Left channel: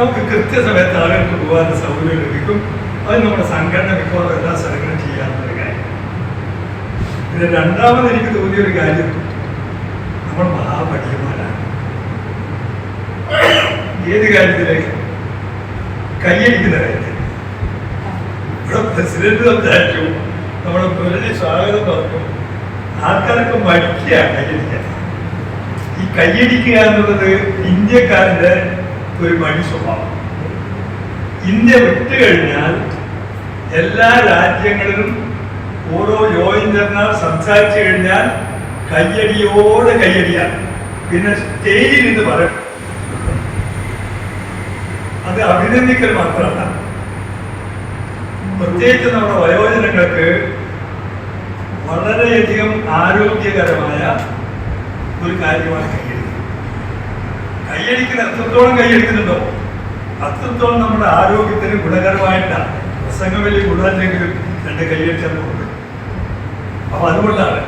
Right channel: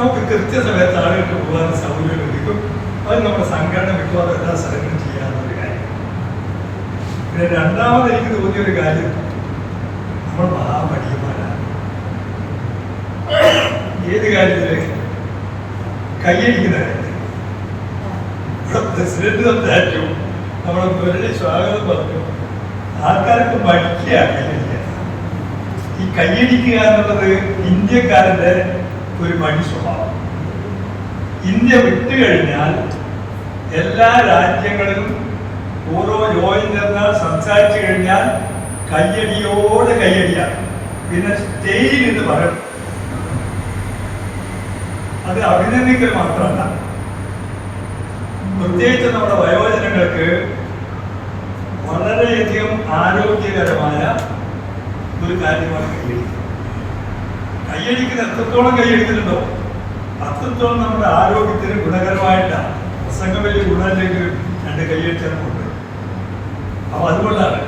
നമുക്ക് കൃത്യസമയത്ത് ആളുകൾക്ക് പോകാനുള്ള സൗകര്യം ലഭിക്കും. അത് നമ്മുടെ സംഘടന മിക്കവാറും എല്ലാ സ്ഥലങ്ങളും ചെയ്യാവുന്നൊരു കാര്യം. പിന്നെ രണ്ടാമത് എനിക്ക് തോന്നിയൊരു കാര്യം, നമ്മൾ മഹാപഠിയന്മാരാണ്. ഏത് കാര്യത്തിലേക്ക്? കൈയടിക്കുന്ന കാര്യത്തിൽ. ഇവിടെ പ്രസിഡന്റ് സംസാരിച്ചു, നമ്മുടെ മുരളി സ്വാഗതം പറഞ്ഞു. ആൾക്കാരൊക്കെ മടിക്കുക കൈയടിക്കാൻ. ഈ കൈയടിക്കുക എന്നുള്ളത് ഇന്ത്യക്കാരുടെ ഒരു മടി സ്വഭാവം. ഇന്ത്യ വിട്ടു കഴിഞ്ഞാൽ എല്ലാ രാജ്യങ്ങളിലും ഓരോ യോജന സംസാരിച്ചു കഴിഞ്ഞാൽ കയ്യടിയോടെ കയ്യടിയാണ്. പിന്നെ സ്റ്റേജിൽ നിന്ന് പറയും. അത് അഭിനന്ദിക്കൽ മാത്രമല്ല, പ്രത്യേകിച്ച് നമ്മുടെ വയോജനങ്ങൾക്ക് വളരെയധികം ആരോഗ്യകരമായ ഒരു കാര്യമാണ് കയ്യടിക്കുന്നത്. കയ്യടിക്കുന്ന എത്രത്തോളം കയ്യടിക്കുന്നുണ്ടോ അത്രത്തോളം നമ്മുടെ ആരോഗ്യത്തിന് ഗുണകരമായിട്ടാണ്. പ്രസംഗം വലിയ ഗുണമല്ലെങ്കിലും രണ്ട് കൈയടിച്ചാൽ പോകുന്നത്. അപ്പൊ അതുകൊണ്ടാണ്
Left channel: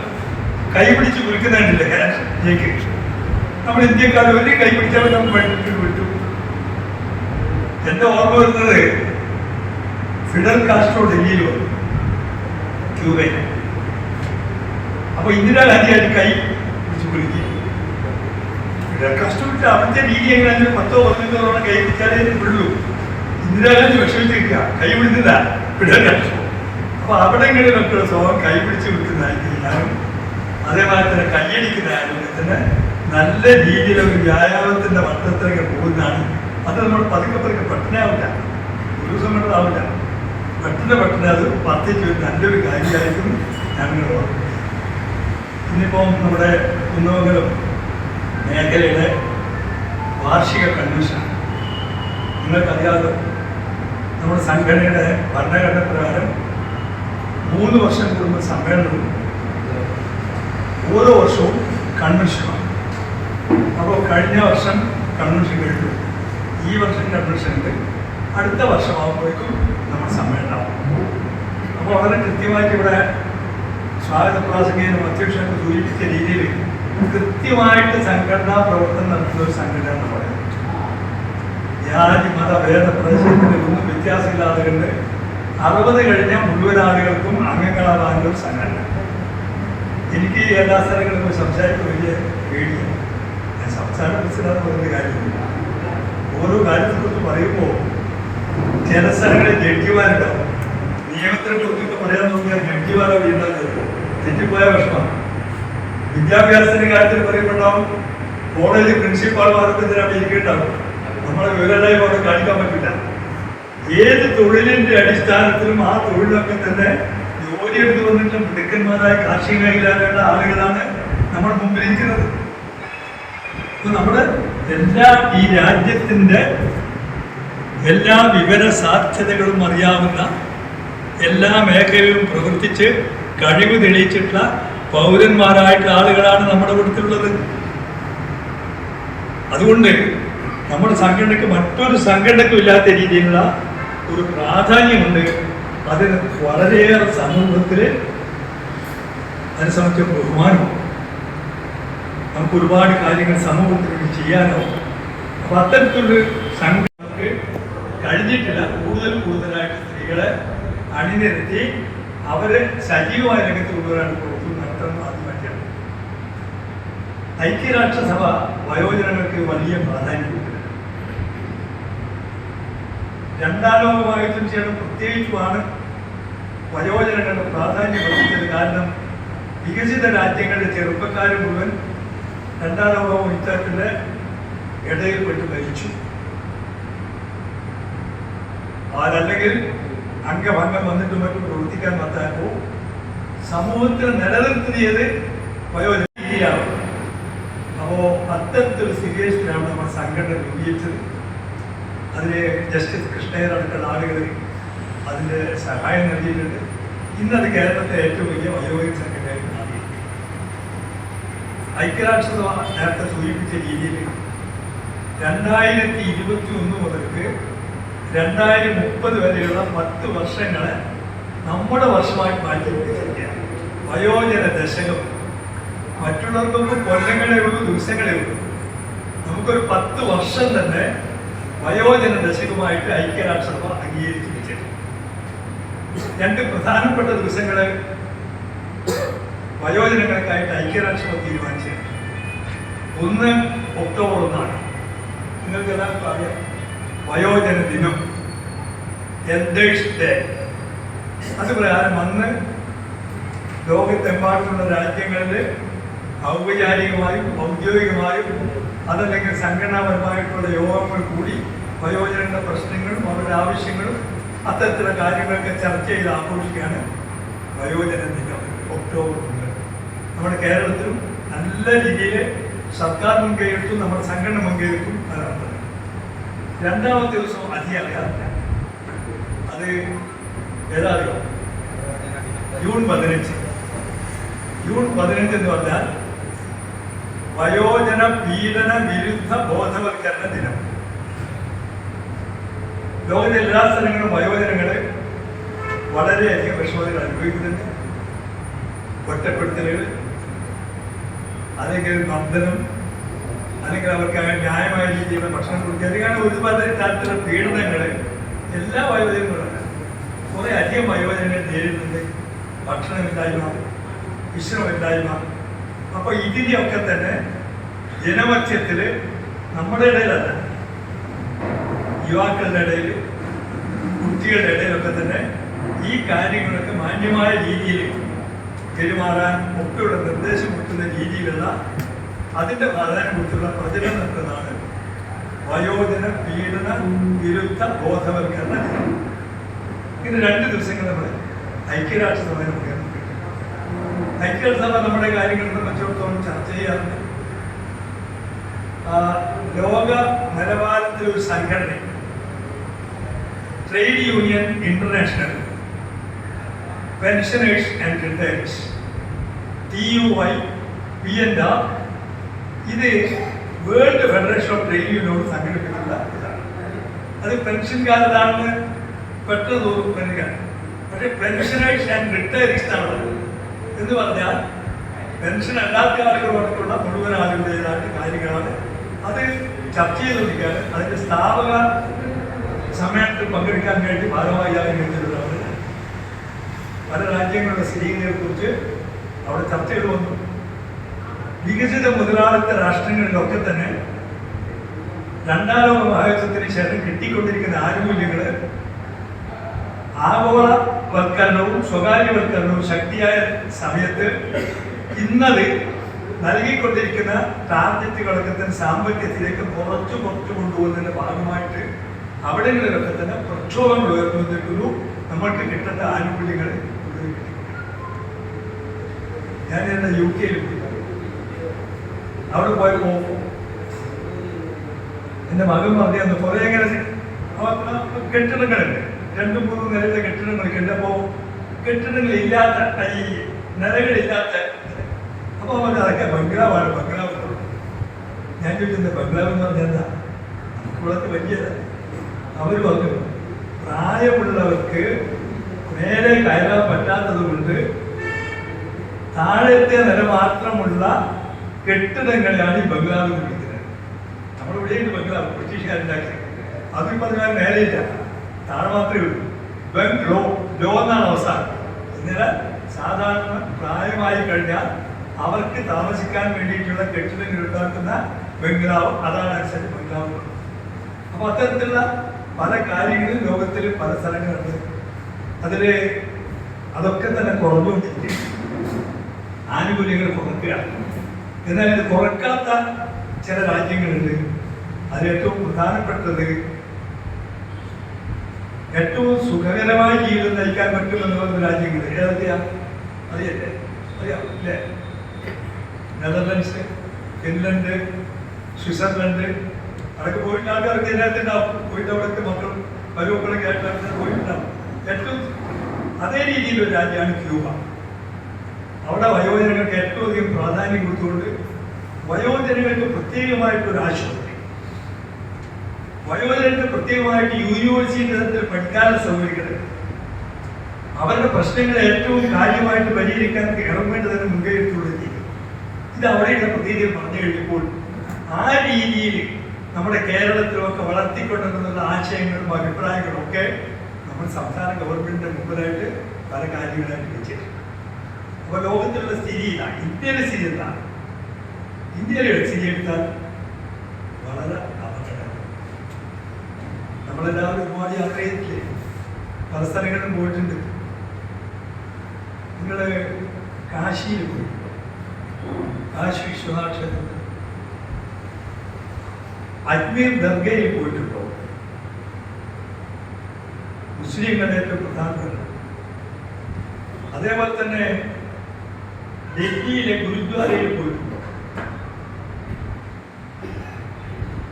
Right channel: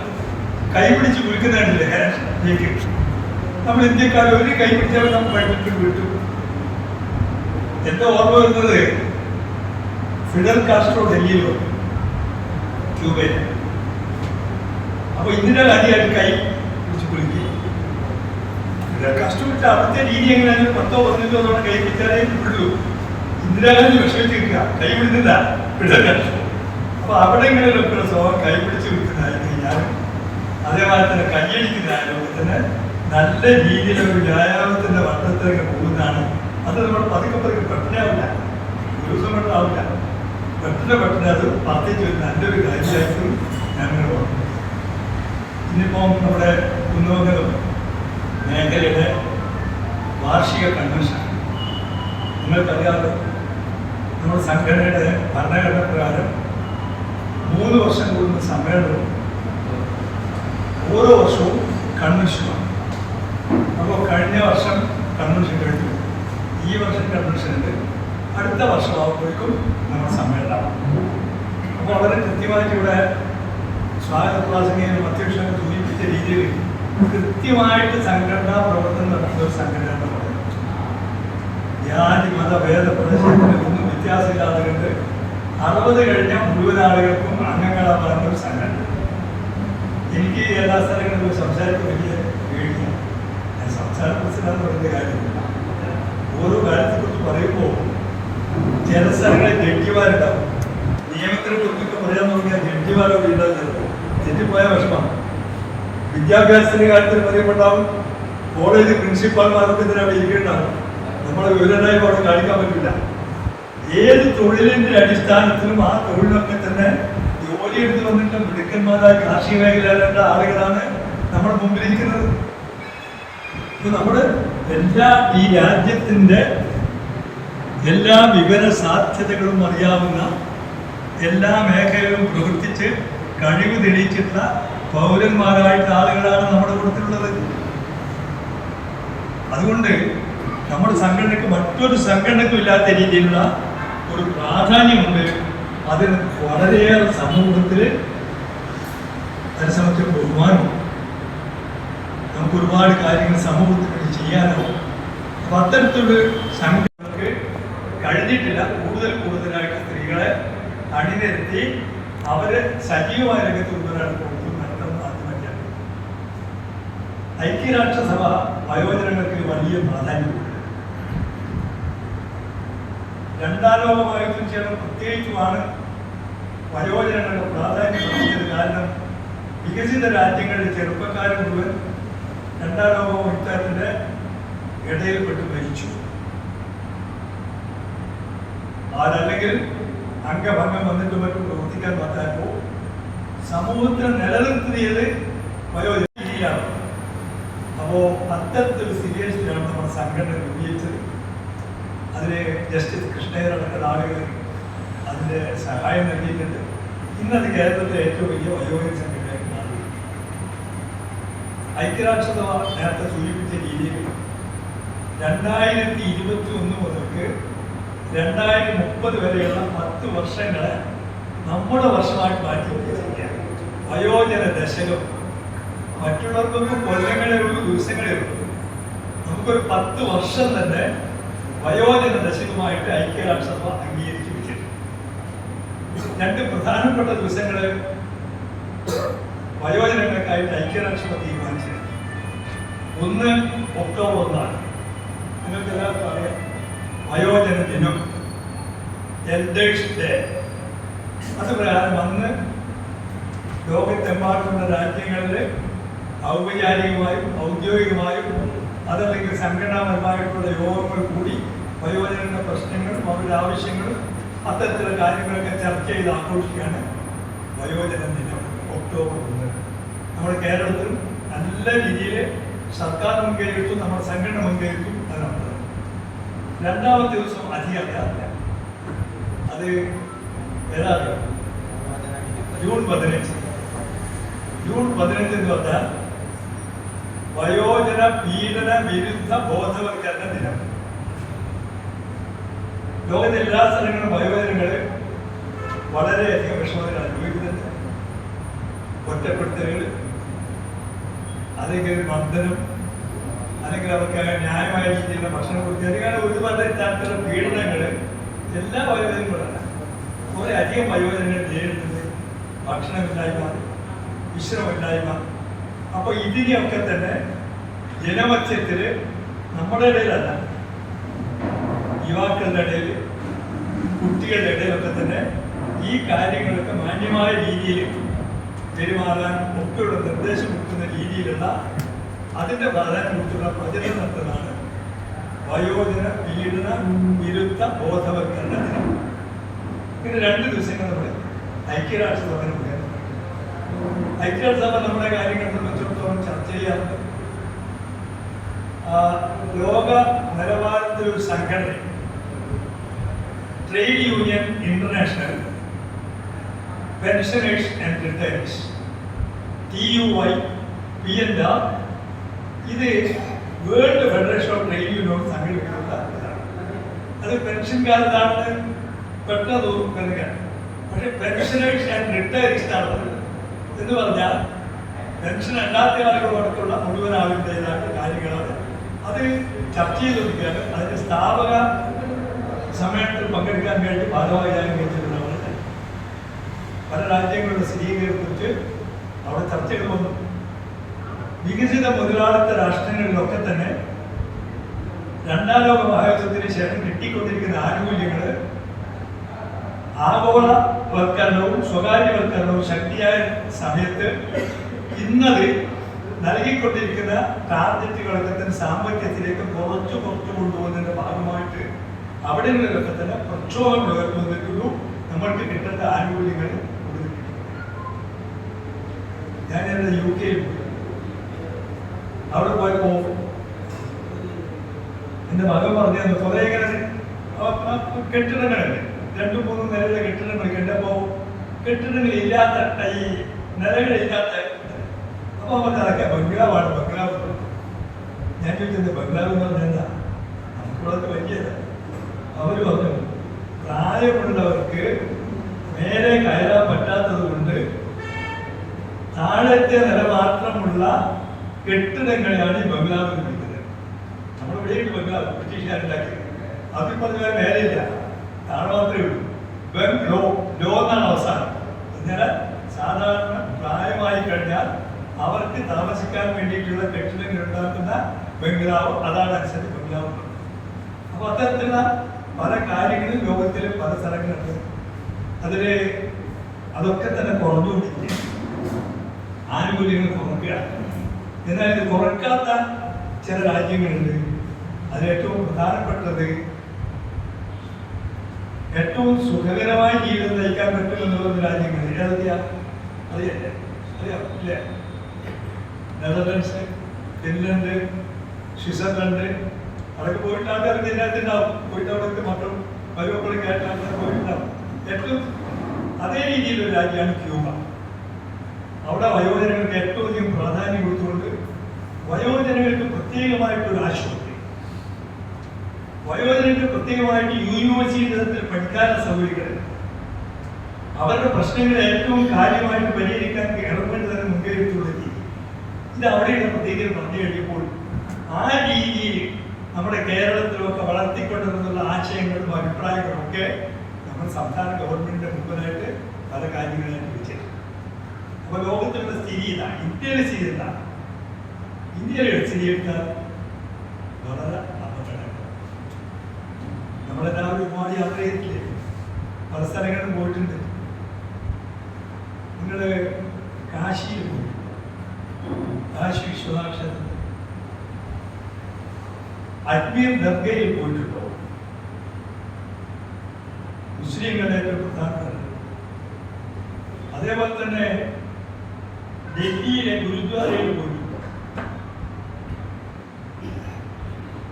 കൈ പിടിച്ച് വിൽക്കുന്നുണ്ടില്ല കേക്ക്. നമ്മൾ ഇന്ത്യക്കാർ ഒരു കൈ പിടിച്ചാൽ നമ്മൾ വഴിവിട്ട് വിട്ടു. എന്റെ ഓർമ്മ വരുന്നത് ഫിഡൽ കാസ്ട്രോ ഡൽഹിയിൽ വന്നു, ക്യൂബയിൽ. അപ്പൊ ഇന്ദിരാഗാന്ധിയായിട്ട് കൈ പിടിച്ച് വിളിക്കുക. ഫിഡൽ കാസ്ട്രോ അവിടുത്തെ രീതി എങ്ങനെയാലും 10-15 തവണ കൈ പിടിച്ചാലേ വിടുള്ളൂ. ഇന്ദിരാഗാന്ധി വിഷമിച്ചിരിക്കുക, കൈ പിടിക്കുന്നില്ല ഫിഡൽ കാസ്ട്രോ. അപ്പൊ അവിടെങ്ങളിലൊക്കെ സ്വഭാവം കൈ പിടിച്ച് വിളിക്കുന്നതായിട്ട് ഞാനും അതേപോലെ തന്നെ കൈയടിക്കുന്നതായതുകൊണ്ട് തന്നെ നല്ല രീതിയിൽ ഒരു വ്യായാമത്തിന്റെ വട്ടത്തിലേക്ക് പോകുന്നതാണ്. അത് നമ്മൾ പതുക്കെ പെട്ടെന്നാവില്ല, ഒരു ദിവസം പെട്ടെന്നാവില്ല, പെട്ടെന്ന് അത് വർദ്ധിച്ച് ഒരു നല്ലൊരു കാര്യമായിരിക്കും ഞാനിങ്ങനെ പറഞ്ഞു. ഇന്നിപ്പോൾ നമ്മുടെ കുന്നമംഗലം മേഖലയുടെ വാർഷിക കൺവെൻഷൻ നിങ്ങൾക്കറിയാമല്ലോ. നമ്മുടെ സംഘടനയുടെ ഭരണഘടന പ്രകാരം 3 വർഷം കൂടുമ്പോൾ സമ്മേളനവും ഓരോ വർഷവും കൺവെൻഷനുമാണ്. അപ്പോൾ കഴിഞ്ഞ വർഷം കൺവെൻഷൻ കഴിഞ്ഞു, ഈ വർഷം കൺവെൻഷനുണ്ട്, അടുത്ത വർഷമാകുമ്പോഴേക്കും നമ്മൾ സമ്മേളനം. അപ്പോൾ വളരെ കൃത്യമായിട്ട് ഇവിടെ സ്വാഗത പ്രാസംഗികനും അധ്യക്ഷനൊക്കെ സൂചിപ്പിച്ച രീതിയിൽ കൃത്യമായിട്ട് സംഘടനാ പ്രവർത്തനം നടത്തുന്ന ഒരു സംഘടന എന്ന് പറയുന്നത്. ജാതി മത ഭേദ പ്രദേശത്തിന് ഒന്നും വ്യത്യാസമില്ലാതെ കണ്ട് 60 കഴിഞ്ഞ മുഴുവൻ ആളുകൾക്കും അംഗങ്ങളാവാനുള്ള ഒരു സംഘടന. എനിക്ക് എല്ലാ സ്ഥലങ്ങളിലും സംസാരിക്കാൻ വലിയ പേടിയാണ്. ഞാൻ സംസ്ഥാന പ്രസിഡന്റ് പറയുന്ന കാര്യമില്ല. ഓരോ കാര്യത്തെക്കുറിച്ച് പറയുമ്പോൾ ചില സ്ഥലങ്ങളിൽ ജഡ്ജിമാരുണ്ടാവും. നിയമത്തിനെ കുറിച്ചൊക്കെ പറയാൻ നോക്കിയാൽ ജഡ്ജിമാരെ വീണ്ടാകുന്നത് തെറ്റിപ്പോയ പ്രശ്നമാണ്. വിദ്യാഭ്യാസത്തിന്റെ കാര്യത്തിൽ പറയുമ്പോണ്ടാവും കോളേജ് പ്രിൻസിപ്പാൾമാർക്ക് അവിടെ ഇരിക്കേണ്ടാവും. നമ്മളെ വിവരമായി അവിടെ കാണിക്കാൻ പറ്റില്ല. ഏത് തൊഴിലിന്റെ അടിസ്ഥാനത്തിലും ആ തൊഴിലൊക്കെ തന്നെ ജോലി എടുത്തു വന്നിട്ടുള്ള മിടുക്കന്മാരായ കാർഷിക മേഖലയിലുള്ള ആളുകളാണ് നമ്മുടെ മുമ്പിലിരിക്കുന്നത്. അപ്പൊ നമ്മുടെ ഈ രാജ്യത്തിന്റെ എല്ലാ വിവര സാധ്യതകളും അറിയാവുന്ന, എല്ലാ മേഖലയിലും പ്രവർത്തിച്ച് കഴിവ് തെളിയിച്ചിട്ടുള്ള പൗരന്മാരായിട്ടുള്ള ആളുകളാണ് നമ്മുടെ കൂട്ടത്തിലുള്ളത്. അതുകൊണ്ട് നമ്മുടെ സംഘടനയ്ക്ക് മറ്റൊരു സംഘടനയ്ക്കും ഇല്ലാത്ത രീതിയിലുള്ള ഒരു പ്രാധാന്യമുണ്ട്. അതിന് വളരെയേറെ സമൂഹത്തിൽ അതിനെ സംബന്ധിച്ച ബഹുമാനമാണ്. നമുക്ക് ഒരുപാട് കാര്യങ്ങൾ സമൂഹത്തിന് വേണ്ടി ചെയ്യാനോ. അപ്പം അത്തരത്തിലുള്ള സംഘടനക്ക് കഴിഞ്ഞിട്ടില്ല. കൂടുതലായിട്ട് സ്ത്രീകളെ അണിനിരത്തി അവരെ സജീവമായ രംഗത്ത് കൊണ്ടുവരാൻ നടത്തുന്നത് ആദ്യമായിട്ടാണ്. ഐക്യരാഷ്ട്രസഭ വയോജനങ്ങൾക്ക് വലിയ പ്രാധാന്യം. 2ാം ലോക മഹായുദ്ധത്തിന് ശേഷം പ്രത്യേകിച്ചുമാണ് വയോജനങ്ങളുടെ പ്രാധാന്യം വർദ്ധിച്ചത്. കാരണം വികസിത രാജ്യങ്ങളിലെ ചെറുപ്പക്കാർ മുഴുവൻ 2ാം ലോക യുദ്ധത്തിന്റെ ഇടയിൽപ്പെട്ട് മരിച്ചു. അതല്ലെങ്കിൽ അംഗഭംഗം വന്നിട്ട് മറ്റും പ്രവർത്തിക്കാൻ പറ്റാപ്പോൾ സമൂഹത്തിൽ നിലനിർത്തിയത് വയോജനയാണ്. അപ്പോൾ അത്തരത്തിലൊരു സിറ്റുവേഷനിലാണ് നമ്മുടെ സംഘടന രൂപീകരിച്ചത്. അതിന് ജസ്റ്റിസ് കൃഷ്ണയടക്കമുള്ള ആളുകൾ അതിൻ്റെ സഹായം നൽകിയിട്ടുണ്ട്. ഇന്നത് കേരളത്തിലെ ഏറ്റവും വലിയ വയോജന സംഘടനയായിട്ട് മാറി. ഐക്യരാഷ്ട്രസഭ നേരത്തെ സൂചിപ്പിച്ച രീതിയിൽ 2021 മുതൽക്ക് 2030 വരെയുള്ള 10 വർഷങ്ങളെ നമ്മുടെ വർഷമായി മാറ്റി പിടിച്ചിരിക്കുകയാണ്. വയോജന ദശകം. മറ്റുള്ളവർക്കൊക്കെ കൊല്ലങ്ങളേ ഉള്ളൂ, ദിവസങ്ങളേ ഉള്ളൂ. നമുക്കൊരു 10 വർഷം തന്നെ വയോജന ദശകമായിട്ട് ഐക്യരാഷ്ട്രസഭ അംഗീകരിച്ചു വെച്ചിട്ടുണ്ട്. രണ്ട് പ്രധാനപ്പെട്ട ദിവസങ്ങള് വയോജനങ്ങൾക്കായിട്ട് ഐക്യരാഷ്ട്രസഭ തീരുമാനിച്ചത്. ഒന്ന് ഒക്ടോബർ 1 നിങ്ങൾക്ക് എല്ലാവർക്കും അറിയാം, വയോജന ദിനം, എൽഡേഴ്സ് ഡേ. അത് പ്രകാരം അന്ന് ലോകത്തെമ്പാടുമുള്ള രാജ്യങ്ങളിൽ ഔപചാരികമായും ഔദ്യോഗികമായും അതല്ലെങ്കിൽ സംഘടനാപരമായിട്ടുള്ള യോഗങ്ങൾ കൂടി വയോജനങ്ങളുടെ പ്രശ്നങ്ങളും അവരുടെ ആവശ്യങ്ങളും അത്തരത്തിലുള്ള കാര്യങ്ങളൊക്കെ ചർച്ച ചെയ്ത് ആഘോഷിക്കുകയാണ് വയോജന ദിനം ഒക്ടോബർ 1. നമ്മുടെ കേരളത്തിലും നല്ല രീതിയിൽ സർക്കാർ മുൻകൈയെടുത്തും നമ്മുടെ സംഘടന മുൻകൈയെടുത്തും അതാണ്. രണ്ടാമത്തെ ദിവസം അധികം അറിയാറില്ല, അത് ഏതാറിയോ? ജൂൺ 15. ജൂൺ 15 എന്ന് പറഞ്ഞാൽ വയോജന പീഡന വിരുദ്ധ ബോധവൽക്കരണ ദിനം. ലോകത്തെ എല്ലാ സ്ഥലങ്ങളും വയോജനങ്ങള് വളരെയധികം വിഷമതകൾ അനുഭവിക്കുന്നുണ്ട്. ഒറ്റപ്പെടുത്തലുകൾ, അല്ലെങ്കിൽ മർദ്ദനം, അല്ലെങ്കിൽ അവർക്ക് അങ്ങനെ ന്യായമായ രീതിയിലുള്ള ഭക്ഷണം കൊടുക്കുക, അല്ലെങ്കിൽ ഒരുപാട് തരത്തിലുള്ള പീഡനങ്ങൾ എല്ലാ വയോജനങ്ങളുമല്ല, കുറെ അധികം വയോജനങ്ങൾ നേരിടുന്നുണ്ട്. ഭക്ഷണമില്ലായ്മ, വിശ്രമമില്ലായ്മ. അപ്പൊ ഇതിനെയൊക്കെ തന്നെ ജനമധ്യത്തിൽ നമ്മുടെ ഇടയിലല്ല, യുവാക്കളുടെ ഇടയിൽ, കുട്ടികളുടെ ഇടയിലൊക്കെ തന്നെ ഈ കാര്യങ്ങളൊക്കെ മാന്യമായ രീതിയിൽ പെരുമാറാൻ ഒക്കെയുള്ള നിർദ്ദേശം കൊടുക്കുന്ന രീതിയിലുള്ള അതിൻ്റെ പ്രാധാന്യത്തെക്കുറിച്ചുള്ള പ്രചരണം നടത്തുന്നതാണ് വയോജന പീഡന വിരുദ്ധ ബോധവൽക്കരണ ദിനം. ഇങ്ങനെ 2 ദിവസങ്ങൾ നമ്മൾ ഐക്യരാഷ്ട്രസഭ മുഖേന ഐക്യരാഷ്ട്രസഭ നമ്മുടെ കാര്യങ്ങളെ സംബന്ധിച്ചിടത്തോളം ചർച്ച ചെയ്യാറുണ്ട്. ലോക നിലവാരത്തിലൊരു സംഘടന, trade union international pensioners and retireds, TUI P&R, ഇത് world federation of trade union സംഘടിപ്പിച്ചിട്ടുള്ള ഇതാണ്. അത് പെൻഷൻ കാലത്താണ് പെട്ടെന്ന് തോന്നുക, പക്ഷെ പെൻഷനേഴ്സ് ആൻഡ് റിട്ടയർഡ്സ് ആണ് എന്ന് പറഞ്ഞാൽ പെൻഷൻ അല്ലാത്ത ആളുകളോടൊക്കെയുള്ള മുഴുവൻ ആളുകളുടേതായിട്ട് കാര്യങ്ങളാണ്. അത് ചർച്ച ചെയ്തുകൊണ്ടിരിക്കുകയാണ്. അതിന്റെ സ്ഥാപക സമ്മേളനത്തിൽ പങ്കെടുക്കാൻ വേണ്ടി ഭാരവാഹിയായി കഴിച്ചിട്ടുള്ളതാണ്. പല രാജ്യങ്ങളുടെ സ്ഥിതിഗതികളെ കുറിച്ച് അവിടെ ചർച്ച ചെയ്തു വന്നു. വികസിത മുതലാളിത്ത രാഷ്ട്രങ്ങളിലൊക്കെ തന്നെ 2ാം ലോക മഹായുദ്ധത്തിന് ശേഷം കിട്ടിക്കൊണ്ടിരിക്കുന്ന ആനുകൂല്യങ്ങൾ ആഗോളവൽക്കരണവും സ്വകാര്യവൽക്കരണവും ശക്തിയായ സമയത്ത് ഇന്നത് നൽകിക്കൊണ്ടിരിക്കുന്ന ടാർഗറ്റുകളൊക്കെ തന്നെ സാമ്പത്തികത്തിലേക്ക് കുറച്ചു കൊണ്ടുപോകുന്നതിന്റെ ഭാഗമായിട്ട് അവിടെങ്ങളിലൊക്കെ തന്നെ പ്രക്ഷോഭങ്ങൾ ഉയർന്നുവന്നിരിക്കുന്നു. നമ്മൾക്ക് കിട്ടേണ്ട ആനുകൂല്യങ്ങൾ ഞാൻ എൻ്റെ UK അവിടെ പോയപ്പോ എൻ്റെ മകൻ പറഞ്ഞു കുറെ ഇങ്ങനെ കെട്ടിടങ്ങളുണ്ട്, 2-3 നിലയിലെ കെട്ടിടങ്ങളൊക്കെ ഉണ്ട്. അപ്പോ കെട്ടിടങ്ങളില്ലാത്ത ഈ നിലകളില്ലാത്ത, അപ്പൊ അവൻ അതൊക്കെ ബംഗ്ലാവാണ്, ബംഗ്ലാവ്. ഞാൻ ചോദിച്ചത് ബംഗ്ലാവ് എന്ന് പറഞ്ഞാൽ എന്താ? നമുക്കുള്ളത് വലിയത്. അവർ പറഞ്ഞു പ്രായമുള്ളവർക്ക് മേലെ കയറാൻ പറ്റാത്തത് കൊണ്ട് താഴത്തെ നില മാത്രമുള്ള കെട്ടിടങ്ങളെയാണ് ഈ ബംഗ്ലാവ് എന്ന് വിളിക്കുന്നത്. നമ്മളിവിടെയുണ്ട് ബംഗ്ലാവ്, ബ്രിട്ടീഷുകാരുണ്ടാക്കി. അതിൽ പറഞ്ഞാൽ മേലെയില്ല, താഴെ മാത്രമേ ഉള്ളൂ. ബംഗ്ലോ ലോ എന്നാണ് അവസാനം. എന്നാൽ സാധാരണ പ്രായമായി കഴിഞ്ഞാൽ അവർക്ക് താമസിക്കാൻ വേണ്ടിയിട്ടുള്ള കെട്ടിടങ്ങൾ ഉണ്ടാക്കുന്ന ബംഗ്ലാവ്, അതാണ് അനുസരിച്ച് ബംഗ്ലാവ്. അപ്പൊ അത്തരത്തിലുള്ള പല കാര്യങ്ങളും ലോകത്തിൽ പല സ്ഥലങ്ങളുണ്ട്. അതില് അതൊക്കെ തന്നെ കുറഞ്ഞുകൊണ്ടിരിക്കും, ആനുകൂല്യങ്ങൾ കുറയ്ക്കുക. എന്നാൽ ഇത് കുറയ്ക്കാത്ത ചില രാജ്യങ്ങളുണ്ട്. അതിൽ ഏറ്റവും പ്രധാനപ്പെട്ടത് ഏറ്റവും സുഖകരമായ ജീവിതം നയിക്കാൻ പറ്റുമെന്ന് പറയുന്ന രാജ്യങ്ങൾ ഏതൊക്കെയാ? അറിയല്ലേ? അറിയാം അല്ലേ? നെതർലൻഡ്സ്, ഫിൻലൻഡ്, സ്വിറ്റ്സർലൻഡ്, അവിടെയൊക്കെ പോയിട്ട് ആൾക്കാർക്ക് ഇതിനകത്തുണ്ടാവും. പോയിട്ട് അവിടുത്തെ മക്കളും മരുമക്കളൊക്കെ ആയിട്ട് പോയിട്ടുണ്ടാവും. ഏറ്റവും അതേ രീതിയിലൊരു രാജ്യമാണ് ക്യൂബ. അവിടെ വയോജനങ്ങൾക്ക് ഏറ്റവും അധികം പ്രാധാന്യം കൊടുത്തുകൊണ്ട് വയോജനങ്ങൾക്ക് പ്രത്യേകമായിട്ടൊരു ആശുപത്രി, വയോജനങ്ങൾക്ക് പ്രത്യേകമായിട്ട് യൂണിവേഴ്സിറ്റി തലത്തിൽ പഠിക്കാനുള്ള സൗകര്യങ്ങൾ, അവരുടെ പ്രശ്നങ്ങൾ ഏറ്റവും കാര്യമായിട്ട് പരിഹരിക്കാൻ ഗവൺമെന്റ് തന്നെ മുൻകൈയെടുത്തുകൊണ്ടിരിക്കും. ഇത് അവിടെയുള്ള പ്രത്യേകത പറഞ്ഞു കഴിയുമ്പോൾ ആ രീതിയിൽ നമ്മുടെ കേരളത്തിലുമൊക്കെ വളർത്തിക്കൊണ്ടുവന്നുള്ള ആശയങ്ങളും അഭിപ്രായങ്ങളും ഒക്കെ നമ്മൾ സംസ്ഥാന ഗവൺമെന്റിന്റെ മുമ്പിലായിട്ട് പല കാര്യങ്ങളായിട്ട് വെച്ചിട്ടുണ്ട്. അപ്പോൾ ലോകത്തിലുള്ള സ്ഥിതി ഇതാണ്, ഇന്ത്യയിലെ സ്ഥിതി എന്താണ്? ഇന്ത്യയിലെ സ്ഥിതി എടുത്താൽ വളരെ അപകടമാണ്. നമ്മളെല്ലാവരും ഒരുപാട് യാത്ര ചെയ്തിട്ടില്ലേ? പല സ്ഥലങ്ങളിലും പോയിട്ടുണ്ട്. നിങ്ങൾ കാശിയിൽ പോയിട്ടുണ്ട്, കാശി വിശ്വനാഥ ക്ഷേത്രത്തിൽ. അജ്മീർ ദർഗയിൽ പോയിട്ടുണ്ടോ? മുസ്ലിങ്ങളുടെ ഏറ്റവും പ്രധാനപ്പെട്ട. അതേപോലെ തന്നെ ഡൽഹിയിലെ ഗുരുദ്വാരയിൽ പോയിട്ടുണ്ടോ?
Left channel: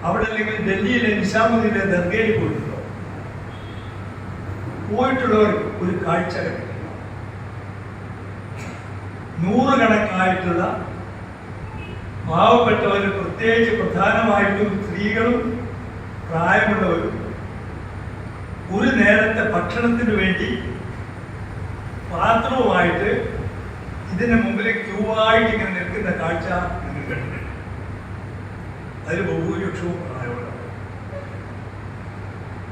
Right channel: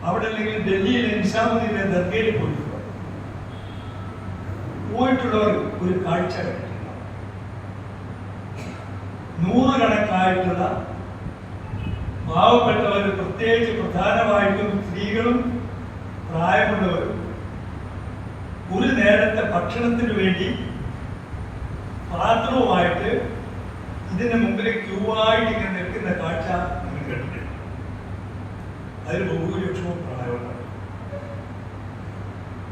അവിടെ അല്ലെങ്കിൽ ഡൽഹിയിലെ നിസാമുദ്ദീനിലെ ദർഗയിൽ പോയിട്ടുണ്ടോ? പോയിട്ടുള്ളവർ ഒരു കാഴ്ച കണ്ടിട്ടില്ല. നൂറുകണക്കായിട്ടുള്ള പാവപ്പെട്ടവർ, പ്രത്യേകിച്ച് പ്രധാനമായിട്ടും സ്ത്രീകളും പ്രായമുള്ളവരും ഒരു നേരത്തെ ഭക്ഷണത്തിന് വേണ്ടി പാത്രവുമായിട്ട് ഇതിന് മുമ്പിൽ ക്യൂവായിട്ട് ഇങ്ങനെ നിൽക്കുന്ന കാഴ്ച നിങ്ങൾ കണ്ടിട്ടുണ്ട്. അതിൽ ബഹുഭൂരിപക്ഷവും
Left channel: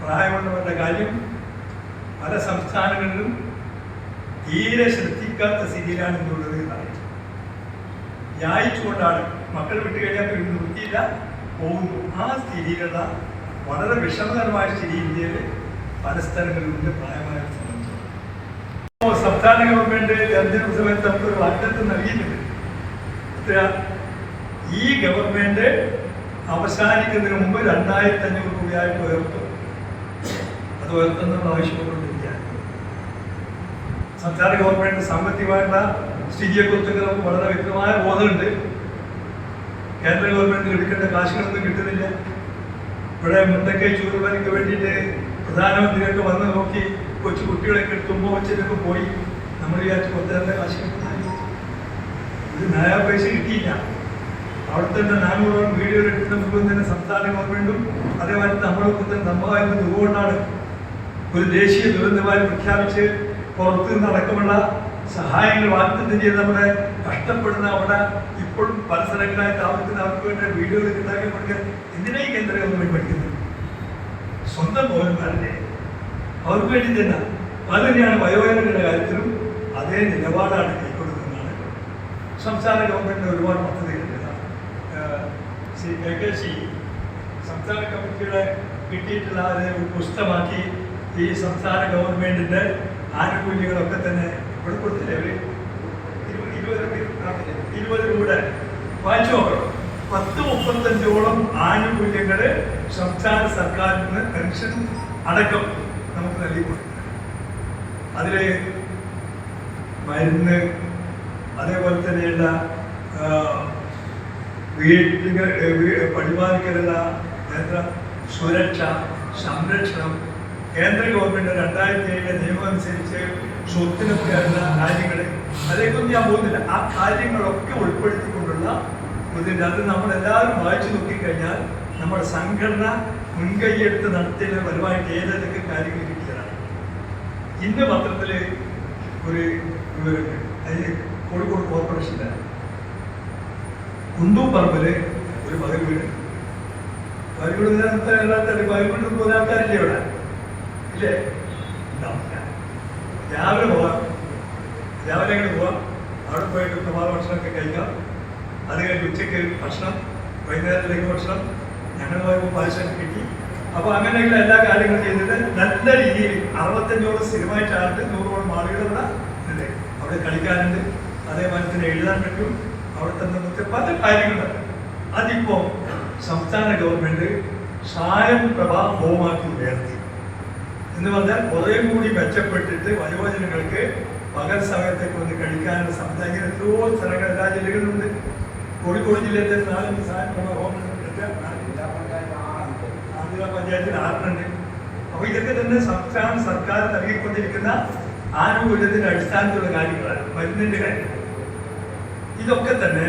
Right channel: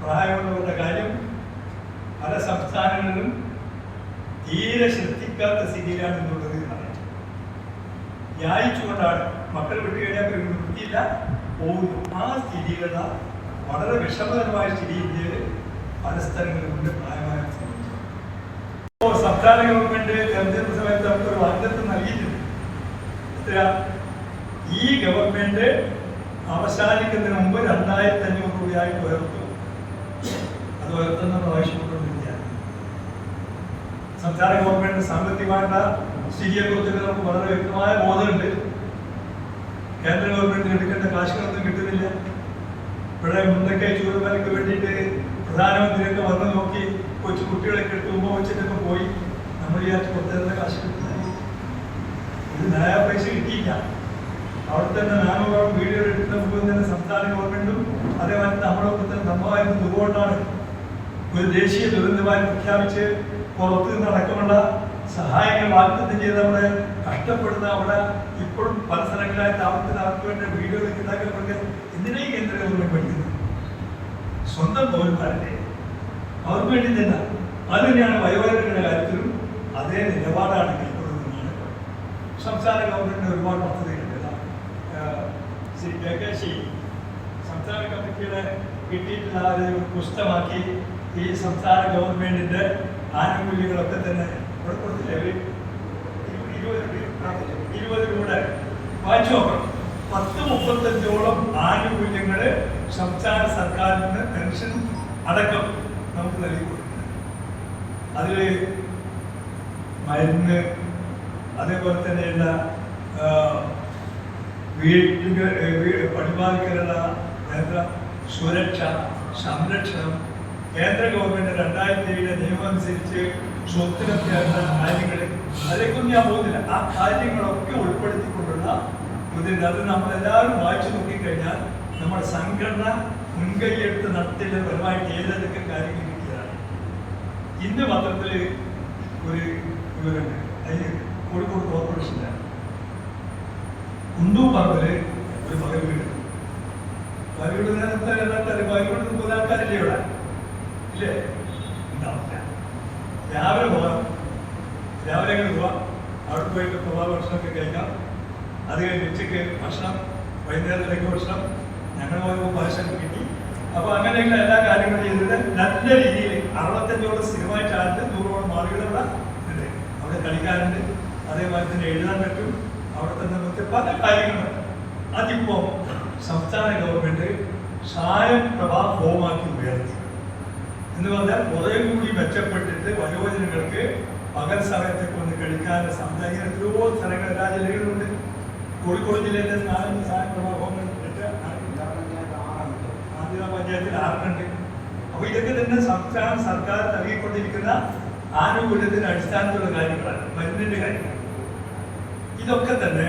പ്രായമുള്ളവരുടെ കാര്യം പല സംസ്ഥാനങ്ങളിലും തീരെ ശ്രദ്ധിക്കാത്ത സ്ഥിതിയിലാണ് എന്നുള്ളത് അറിയാം. യായിച്ചുകൊണ്ടാണ് മക്കൾ വിട്ടു കഴിഞ്ഞാൽ വൃത്തിയില്ല പോകുന്നു. ആ സ്ഥിതിയിലുള്ള വളരെ വിഷമകരമായ സ്ഥിതി ഇന്ത്യയിൽ പല സ്ഥലങ്ങളിലും പ്രായമായ സംബന്ധിച്ചു. സംസ്ഥാന ഗവൺമെന്റ് തെരഞ്ഞെടുപ്പ് സമയത്ത് നമുക്കൊരു വാഗ്ദത്തം നൽകിയിട്ടുണ്ട്. ഈ ഗവൺമെന്റ് അവസാനിക്കുന്നതിന് മുമ്പ് 2500 രൂപയായിട്ട് ഉയർത്തും. അത് ഉയർത്തുന്ന ആവശ്യപ്പെട്ടുകൊണ്ടിരിക്കുകയാണ്. സംസ്ഥാന ഗവൺമെന്റ് സാമ്പത്തികമായിട്ടുള്ള സ്ഥിതിയെക്കുറിച്ച് നമുക്ക് വളരെ വ്യക്തമായ ബോധമുണ്ട്. കേന്ദ്ര ഗവൺമെന്റിന് എടുക്കേണ്ട കാശുകളൊന്നും കിട്ടുന്നില്ല. ഇവിടെ മുണ്ടക്കൈ ചൂടുവരയ്ക്ക് വേണ്ടിയിട്ട് പ്രധാനമന്ത്രിയൊക്കെ വന്ന് നോക്കി കൊച്ചു കുട്ടികളൊക്കെ എടുത്ത് ഉമ്മ വെച്ചതൊക്കെ പോയി. നമ്മൾ വിചാരിച്ച് പുറത്തേണ്ട കാശ് കിട്ടുന്ന ഒരു നയാ പൈസ കിട്ടിയില്ല. അവിടെ തന്നെ നാനൂറോളം വീഡിയോ എടുക്കുന്ന മുമ്പ് തന്നെ സംസ്ഥാന ഗവൺമെന്റും അതേപോലെ നമ്മളായിരുന്ന ദുർകൊണ്ടാണ് ഒരു ദേശീയ ദുരന്തമായി പ്രഖ്യാപിച്ച് പുറത്ത് നടക്കുമുള്ള സഹായങ്ങൾ വാഗ്ദത്തം ചെയ്ത് നമ്മുടെ കഷ്ടപ്പെടുന്ന അവിടെ ഇപ്പോഴും പല സ്ഥലങ്ങളായി താമസിക്കുന്ന അവർക്ക് വേണ്ടി വീഡിയോ ഉണ്ടാക്കപ്പെടുക. എന്തിനാ ഈ കേന്ദ്ര ഗവൺമെന്റ് പഠിക്കുന്നത്? സ്വന്തം പൗരന്മാരല്ലേ, അവർക്ക് വേണ്ടി തന്നെ. അത് തന്നെയാണ് വയോജനങ്ങളുടെ കാര്യത്തിലും അതേ നിലപാടാണ് കൈക്കൊള്ളുന്നതാണ്. സംസ്ഥാന ഗവൺമെന്റിന് ഒരുപാട് പദ്ധതികളുണ്ട്. ശ്രീ KKC സംസ്ഥാന കമ്മിറ്റിയുടെ കിട്ടിയിട്ടുള്ള ഒരു പുസ്തകമാക്കി ഈ സംസ്ഥാന ഗവൺമെന്റിന്റെ ആനുകൂല്യങ്ങളൊക്കെ തന്നെ ഇവിടെ കൊടുത്തില്ലേ? 20 കൂടെ വായിച്ചു നോക്കണം. 10-35ഓളം ആനുകൂല്യങ്ങൾ സംസ്ഥാന സർക്കാരിൽ നിന്ന് പെൻഷൻ അടക്കം നമുക്ക് നൽകി കൊടുക്കുന്നത്. അതിൽ മരുന്ന്, അതേപോലെ തന്നെയുള്ള വീട്ടുകൾ പരിപാലിക്കലുള്ള സുരക്ഷ, സംരക്ഷണം, കേന്ദ്ര ഗവൺമെന്റ് 2007 നിയമം അനുസരിച്ച് സ്വത്തിനൊക്കെയുള്ള കാര്യങ്ങൾ, അതിലേക്കൊന്നും ഞാൻ പോകുന്നില്ല. ആ കാര്യങ്ങളൊക്കെ ഉൾപ്പെടുത്തിക്കൊണ്ടുള്ള ഇതിൻ്റെ അത് നമ്മളെല്ലാവരും വായിച്ചു നോക്കിക്കഴിഞ്ഞാൽ നമ്മുടെ സംഘടന മുൻകൈയെടുത്ത് നടത്തിയ പരമായിട്ട് ഏതൊക്കെ കാര്യങ്ങൾ കിട്ടിയതാണ്. ഇന്ന് പത്രത്തിൽ ഒരു വിവരമുണ്ട്. അതിന് കോഴിക്കോട് കോർപ്പറേഷൻ്റെ കുണ്ടു പറമ്പില് ഒരു പകൽ വീട്. പകൽ വീട് പകൽ പോകുന്ന ആൾക്കാരില്ലേ ഇവിടെ? ഇല്ലേ? രാവിലെ പോവാം, രാവിലെ അങ്ങനെ പോവാം. അവിടെ പോയിട്ട് പ്രഭാത ഭക്ഷണമൊക്കെ കഴിക്കാം. അത് കഴിഞ്ഞ് ഉച്ചയ്ക്ക് ഭക്ഷണം, വൈകുന്നേരത്തേക്ക് ഭക്ഷണം, ഞങ്ങൾ പോയപ്പോൾ പായസം കിട്ടി. അപ്പോൾ അങ്ങനെയുള്ള എല്ലാ കാര്യങ്ങളും ചെയ്തിട്ട് നല്ല രീതിയിൽ 65ഓളം സ്ഥിരമായിട്ടാണ് 100ഓളം ആളുകൾ ഇവിടെ ഉണ്ട്. അവിടെ കളിക്കാനുണ്ട്, അതേപോലെ തന്നെ എഴുതാൻ പറ്റും. അവിടുത്തെ നമുക്ക് പല കാര്യങ്ങളുണ്ട്. അതിപ്പോൾ സംസ്ഥാന ഗവൺമെന്റ് സായം പ്രഭാ ഹോമാക്കി ഉയർത്തി എന്ന് പറഞ്ഞാൽ കുറേ കൂടി മെച്ചപ്പെട്ടിട്ട് വയോജനങ്ങൾക്ക് പകൽ സമയത്തൊക്കെ ഒന്ന് കളിക്കാനുള്ള സംവിധാനം എത്രയോ സ്ഥലങ്ങൾ എല്ലാ ജില്ലകളിലുണ്ട്. കോഴിക്കോട് ജില്ലയിൽ 4 സായം പ്രഭാ ഹോമം ആദ്യ പഞ്ചായത്തിൽ 6 അപ്പോൾ ഇതൊക്കെ തന്നെ സംസ്ഥാന സർക്കാർ നൽകിക്കൊണ്ടിരിക്കുന്ന ആനുകൂല്യത്തിന്റെ അടിസ്ഥാനത്തിലുള്ള കാര്യങ്ങളാണ്. മരുന്നിന്റെ കാര്യം ഇതൊക്കെ തന്നെ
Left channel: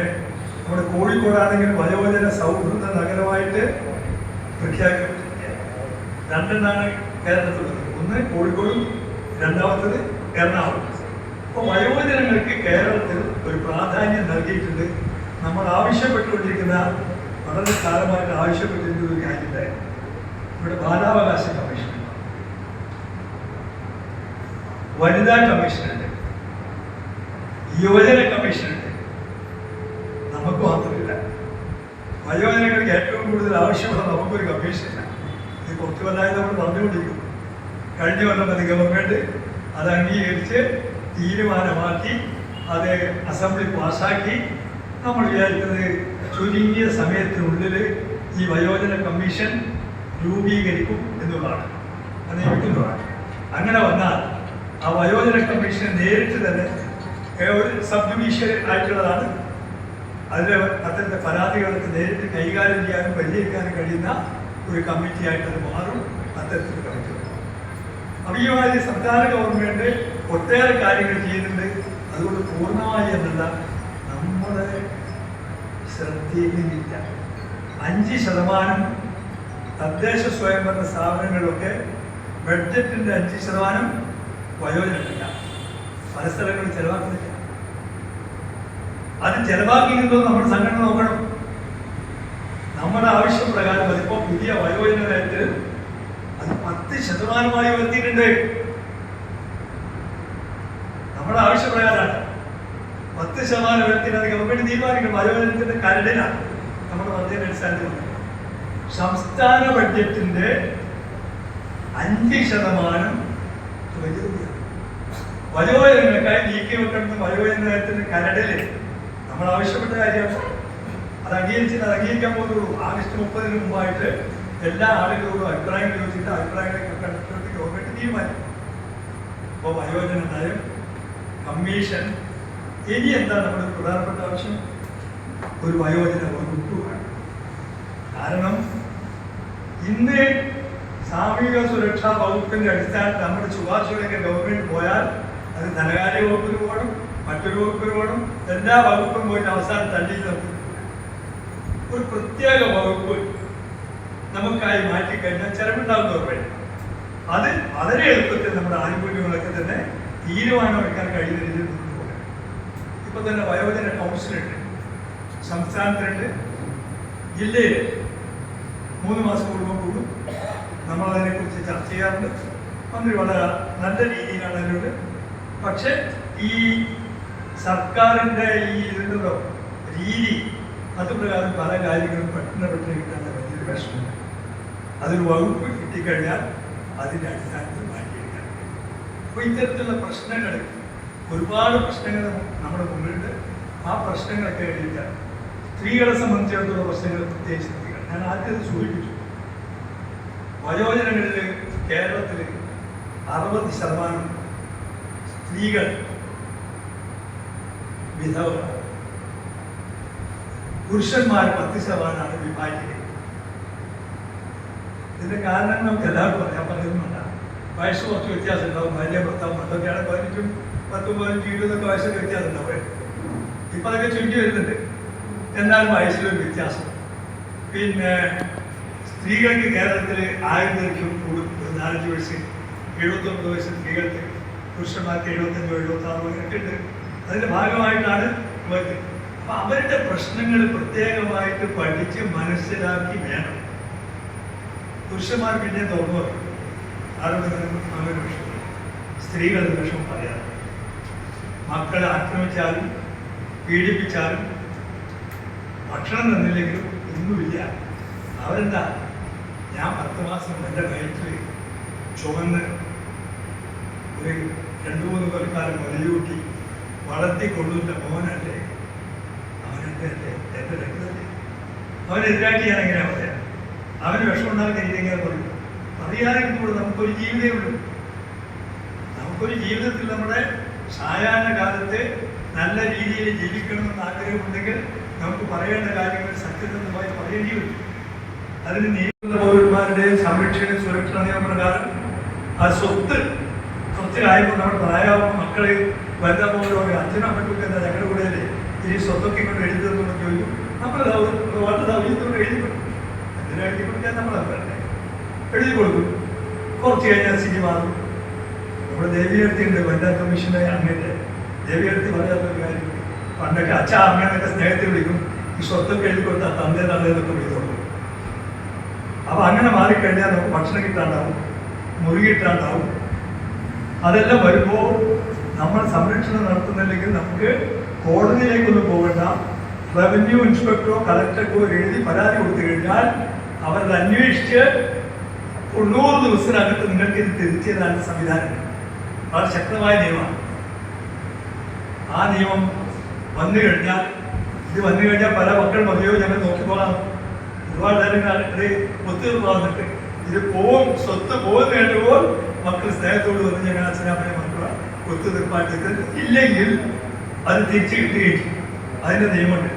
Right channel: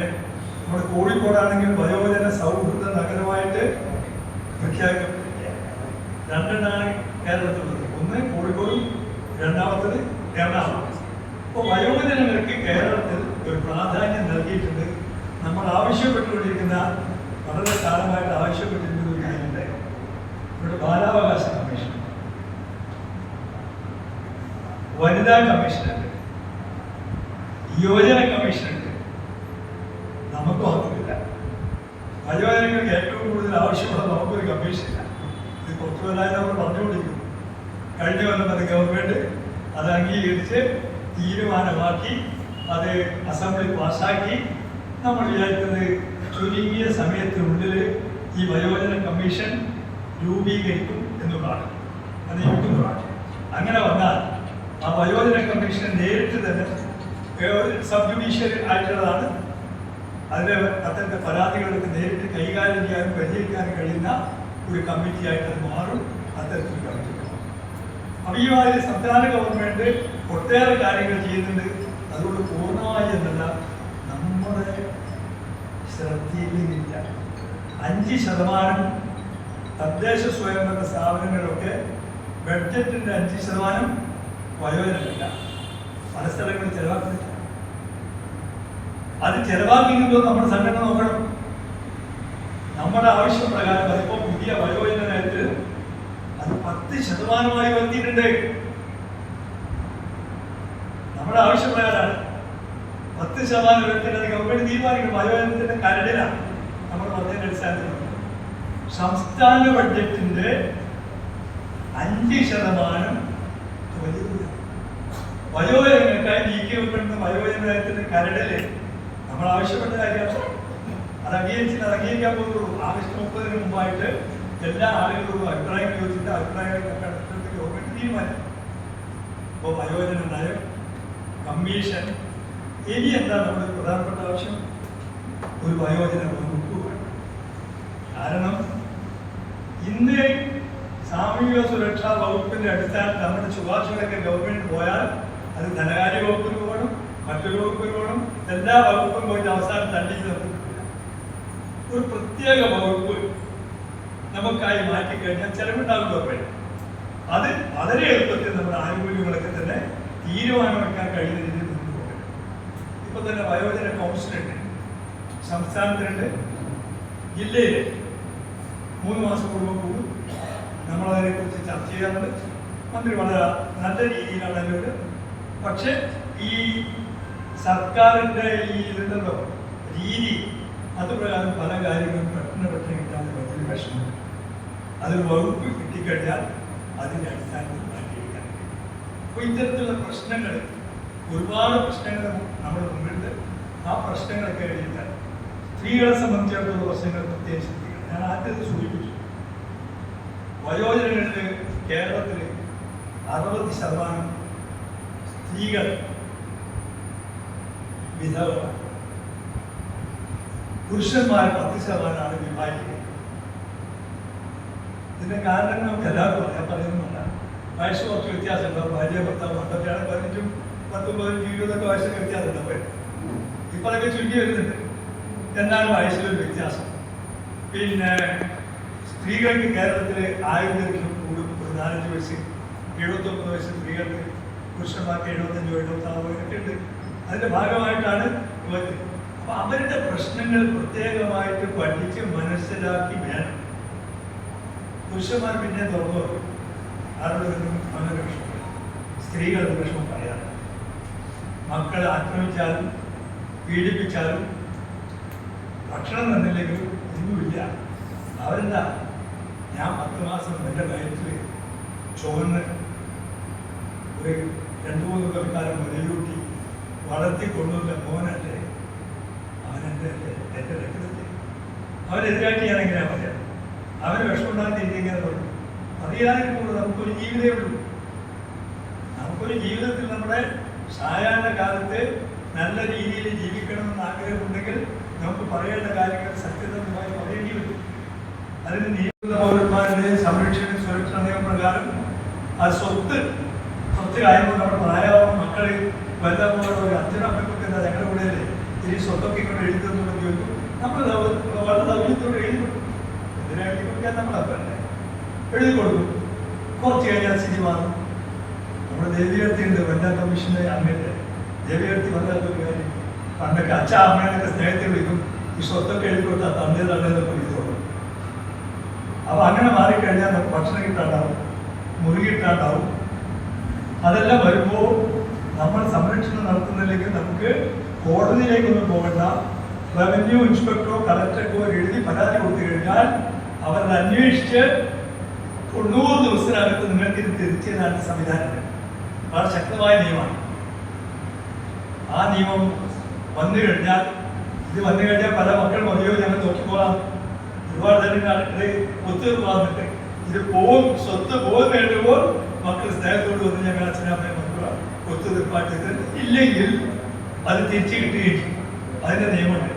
നമ്മുടെ കോഴിക്കോടാണെങ്കിൽ വയോജന സൗഹൃദ നഗരമായിട്ട് പ്രഖ്യാപിക്കപ്പെട്ടിരിക്കുകയാണ്. 2 കേരളത്തിലുള്ളത്. ഒന്ന് കോഴിക്കോടും, രണ്ടാമത്തത് എറണാകുളം. അപ്പോൾ വയോജനങ്ങൾക്ക് കേരളത്തിൽ ഒരു പ്രാധാന്യം നൽകിയിട്ടുണ്ട്. നമ്മൾ ആവശ്യപ്പെട്ടുകൊണ്ടിരിക്കുന്ന വളരെ കാലമായിട്ട് ആവശ്യപ്പെട്ടിരുന്ന ഒരു കാര്യമുണ്ടായിരുന്നു. ഇവിടെ ബാലാവകാശ കമ്മീഷൻ, വനിതാ കമ്മീഷനുണ്ട്, യുവജന കമ്മീഷനുണ്ട്. നമുക്ക് മാത്രമില്ല. വയോജനങ്ങൾക്ക് ഏറ്റവും കൂടുതൽ ആവശ്യമുള്ള നമുക്കൊരു കമ്മീഷനില്ല. ഇത് കുറച്ചു കൊല്ലമായി നമ്മൾ പറഞ്ഞുകൊണ്ടിരിക്കും. കഴിഞ്ഞ കൊല്ലം അത് ഗവൺമെന്റ് അത് അംഗീകരിച്ച് തീരുമാനമാക്കി അത് അസംബ്ലി പാസ്സാക്കി. നമ്മൾ വിചാരിക്കുന്നത് ചുരുങ്ങിയ സമയത്തിനുള്ളിൽ ഈ വയോജന കമ്മീഷൻ രൂപീകരിക്കും എന്നുള്ളതാണ്, അത് നിയമിക്കുന്നതാണ്. അങ്ങനെ വന്നാൽ ആ വയോജന കമ്മീഷൻ നേരിട്ട് തന്നെ ഒരു സബ് ജുഡീഷ്യൽ ആയിട്ടുള്ളതാണ്. അതിൽ അത്തരത്തെ പരാതികളൊക്കെ നേരിട്ട് കൈകാര്യം ചെയ്യാനും പരിഹരിക്കാനും കഴിയുന്ന ഒരു കമ്മിറ്റി ആയിട്ട് അത് മാറും. അത്തരത്തിൽ കമ്മിറ്റി അപ്പോൾ ഈ മാതിരി സംസ്ഥാന ഗവൺമെന്റ് ഒട്ടേറെ കാര്യങ്ങൾ ചെയ്യുന്നുണ്ട്. അതുകൊണ്ട് പൂർണ്ണമായി എന്നല്ല, നമ്മുടെ ശ്രദ്ധയിലില്ല. 5% തദ്ദേശ സ്വയംഭരണ സ്ഥാപനങ്ങളിലൊക്കെ ബഡ്ജറ്റിന്റെ 5% വയോജനമില്ല. പല സ്ഥലങ്ങളിൽ ചെലവാക്കുന്നില്ല. അത് ചെലവാക്കിയിരുന്നോ നമ്മുടെ സംഘടന നോക്കണം. നമ്മുടെ ആവശ്യപ്രകാരം അതിപ്പോ പുതിയ വയോജന നയത്തിൽ അത് 10% ഉയർത്തിയിട്ടുണ്ട്. നമ്മുടെ ആവശ്യപ്രകാരമാണ് 10% ഉയർത്തിയിട്ട് അത് ഗവൺമെന്റ് തീരുമാനിക്കും. വയോജനത്തിന്റെ കരടിലാണ് നമ്മൾ പറഞ്ഞതിന്റെ അടിസ്ഥാനത്തിൽ. സംസ്ഥാന ബഡ്ജറ്റിന്റെ 5% വയോജനങ്ങൾക്കായി നീക്കി വെക്കുന്ന വയോജനത്തിന്റെ കരടില് നമ്മൾ ആവശ്യപ്പെട്ട കാര്യമാണ്. അത് അംഗീകരിക്കാൻ പോകുന്നുള്ളൂ. ആഗസ്റ്റ് 30 മുമ്പായിട്ട് എല്ലാ ആളുകളോടും അഭിപ്രായങ്ങൾ ചോദിച്ചിട്ട് അഭിപ്രായങ്ങളെ കണ്ടെത്തി ഗവൺമെന്റ് തീരുമാനിക്കും. അപ്പോൾ വയോജന നയം, കമ്മീഷൻ, ഇനി എന്താ നമ്മുടെ പ്രധാനപ്പെട്ട ആവശ്യം? ഒരു വയോജന വകുപ്പ് വേണം. കാരണം ഇന്ന് സാമൂഹിക സുരക്ഷാ വകുപ്പിന്റെ അടിസ്ഥാനത്തിൽ നമ്മുടെ ശുപാർശകളൊക്കെ ഗവൺമെന്റ് പോയാൽ അത് ധനകാര്യ വകുപ്പിന് പോകണം, മറ്റൊരു വകുപ്പിന് പോകണം. എല്ലാ വകുപ്പും പോയിട്ട് അവസാനം തള്ളി നിർത്തും. ഒരു പ്രത്യേക വകുപ്പ് നമുക്കായി മാറ്റിക്കഴിഞ്ഞാൽ ചെലവുണ്ടാവും ഗവൺമെന്റ്. അത് വളരെ എളുപ്പത്തിൽ നമ്മുടെ ആനുകൂല്യങ്ങളൊക്കെ തന്നെ തീരുമാനമെടുക്കാൻ കഴിയുന്ന രീതിയിൽ കൊണ്ടുപോകും. ഇപ്പൊ തന്നെ വയോജന കൗൺസിലുണ്ട്, സംസ്ഥാനത്തിനുണ്ട്, ജില്ലയിൽ 3 മാസം കൂടുമ്പോൾ കൂടും. നമ്മളതിനെക്കുറിച്ച് ചർച്ച ചെയ്യാറുണ്ട്. മന്ത്രി വളരെ നല്ല രീതിയിലാണ് അതിനോട്. പക്ഷെ ഈ സർക്കാരിൻ്റെ ഈ ഇതിൻ്റെ രീതി അതുപ്രകാരം പല കാര്യങ്ങളും പെട്ടെന്ന് കിട്ടാൻ വലിയൊരു വിഷമം. അതൊരു വകുപ്പ് കിട്ടിക്കഴിഞ്ഞാൽ അതിൻ്റെ അടിസ്ഥാനത്തിൽ മാറ്റിയെടുക്കാൻ. അപ്പോൾ ഇത്തരത്തിലുള്ള പ്രശ്നങ്ങൾ, ഒരുപാട് പ്രശ്നങ്ങൾ നമ്മുടെ മുന്നിലുണ്ട്. ആ പ്രശ്നങ്ങളൊക്കെ എഴുതിക്കാൻ സ്ത്രീകളെ സംബന്ധിച്ചിടത്തോളം പ്രശ്നങ്ങൾ പ്രത്യേകിച്ച് സ്ത്രീകൾ, ഞാൻ ആദ്യം സൂചിപ്പിച്ചു. വയോജനങ്ങളിൽ കേരളത്തിൽ 60% സ്ത്രീകൾ വിധവരാണ്. പുരുഷന്മാർ 10% വിവാഹിതർ. ഇതിന്റെ കാരണം നമുക്ക് എല്ലാവർക്കും അറിയാൻ പറയുന്നുണ്ട്. വയസ്സ് കുറച്ച് വ്യത്യാസം ഉണ്ടാവും. ഭാര്യ ഭർത്താവ് അതൊക്കെയാണ് 18, 19, 20 വയസ്സൊക്കെ വ്യത്യാസം ഉണ്ടാവും. ഇപ്പൊ അതൊക്കെ ചുരുക്കി വരുന്നുണ്ട്. എന്നാലും വയസ്സിലൊരു വ്യത്യാസം. പിന്നെ സ്ത്രീകൾക്ക് കേരളത്തിൽ 1000 കൂടും. 4 വയസ്സ്, 79 വയസ്സ് സ്ത്രീകൾക്ക്, പുരുഷന്മാർക്ക് 75, 76 ഒക്കെ ഉണ്ട്. അതിന്റെ ഭാഗമായിട്ടാണ് ഇവർക്ക്. അപ്പൊ അവരുടെ പ്രശ്നങ്ങൾ പ്രത്യേകമായിട്ട് പഠിച്ച് മനസ്സിലാക്കി വേണം. പുരുഷന്മാർ പിന്നെ തുറന്നു അവരുടെ വിഷയം, സ്ത്രീകളുടെ വിഷയം പറയാം. മക്കളെ ആക്രമിച്ചാലും പീഡിപ്പിച്ചാലും ഭക്ഷണം തന്നില്ലെങ്കിലും ഒന്നുമില്ല. അവരെന്താ, ഞാൻ 10 മാസം എൻ്റെ വയറ്റിൽ ചുവന്ന് ഒരു 2-3 കൊല്ലക്കാലം മുലയൂട്ടി വളർത്തിക്കൊള്ളുന്ന മോനല്ലേ, അവനെൻ്റെ എൻ്റെ രക്തത്തെ അവനെതിരായിട്ട് ഞാൻ എങ്ങനെയാണ് പറയാം? അവന് വിഷമുണ്ടാക്കി ഇങ്ങനെ പറയും. അറിയാനും കൂടെ നമുക്കൊരു ജീവിതമുണ്ട്. നമുക്കൊരു ജീവിതത്തിൽ നമ്മുടെ സായാഹ്ന കാലത്ത് നല്ല രീതിയിൽ ജീവിക്കണമെന്ന് ആഗ്രഹമുണ്ടെങ്കിൽ നമുക്ക് പറയേണ്ട കാര്യങ്ങൾ സത്യസന്ധമായി പറയേണ്ടി വരും. അതിന് നിയമ പൗരന്മാരുടെയും സംരക്ഷണ സുരക്ഷാ നിയമപ്രകാരം ആ സ്വത്ത് കാര്യങ്ങൾ നമ്മൾ പറയാവുന്ന മക്കളെ വലുതാകുമ്പോൾ അച്ഛനമ്മയ്ക്കൊക്കെ എന്താ ഞങ്ങളുടെ കൂടെ അല്ലേ ഈ സ്വത്തൊക്കെ കൊണ്ട് എഴുതുന്നു ചോദിക്കും. നമ്മൾ വളരെ ദൗര്യത്തോടെ എഴുതി കൊടുക്കും. എന്തിനാ എഴുതി കൊടുക്കാൻ നമ്മൾ എഴുതി കൊടുക്കും. കുറച്ച് കഴിഞ്ഞാൽ സ്ഥിതി മാറും. നമ്മുടെ ദേവികേർത്തിയുണ്ട്, വനിതാ കമ്മീഷന്റെ അംഗത്തെ ദേവികേർത്തി പറയാത്തൊരു കാര്യം. പണ്ടൊക്കെ അച്ഛ അമ്മയെന്നൊക്കെ സ്നേഹത്തിൽ വിളിക്കും. ഈ സ്വത്തൊക്കെ എടുക്കുന്ന തന്നേ തന്നേന്നൊക്കെ വിധം. അപ്പൊ അങ്ങനെ മാറിക്കഴിഞ്ഞാൽ നമുക്ക് ഭക്ഷണം കിട്ടാണ്ടാവും, മുറി കിട്ടാണ്ടാവും. അതെല്ലാം വരുമ്പോൾ നമ്മൾ സംരക്ഷണം നടത്തുന്നില്ലെങ്കിൽ നമുക്ക് കോടതിയിലേക്കൊന്നും പോകണ്ട. റവന്യൂ ഇൻസ്പെക്ടറോ കളക്ടർക്കോ എഴുതി പരാതി കൊടുത്തു കഴിഞ്ഞാൽ അവരത് അന്വേഷിച്ച് 90 ദിവസത്തിനകത്ത് നിങ്ങൾക്ക് ഇത് തിരിച്ചു തരാനുള്ള സംവിധാനം വളരെ ശക്തമായ നിയമമാണ്. ആ നിയമം വന്നു കഴിഞ്ഞാൽ പല മക്കൾ പറയോ ഞങ്ങൾ നോക്കിപ്പോകാം, ഒരുപാട് നേരം ഒത്തുതീർപ്പാകുന്നുണ്ട്. ഇത് സ്വത്ത് പോകുന്ന വേണ്ടുമ്പോൾ മക്കൾ സ്നേഹത്തോട് വന്ന് ഞങ്ങൾ അച്ഛനമ്മയെ മക്കള ഒത്തുതീർപ്പായിട്ട് ഇല്ലെങ്കിൽ അത് തിരിച്ചു കിട്ടുകയും അതിൻ്റെ നിയമമുണ്ട്.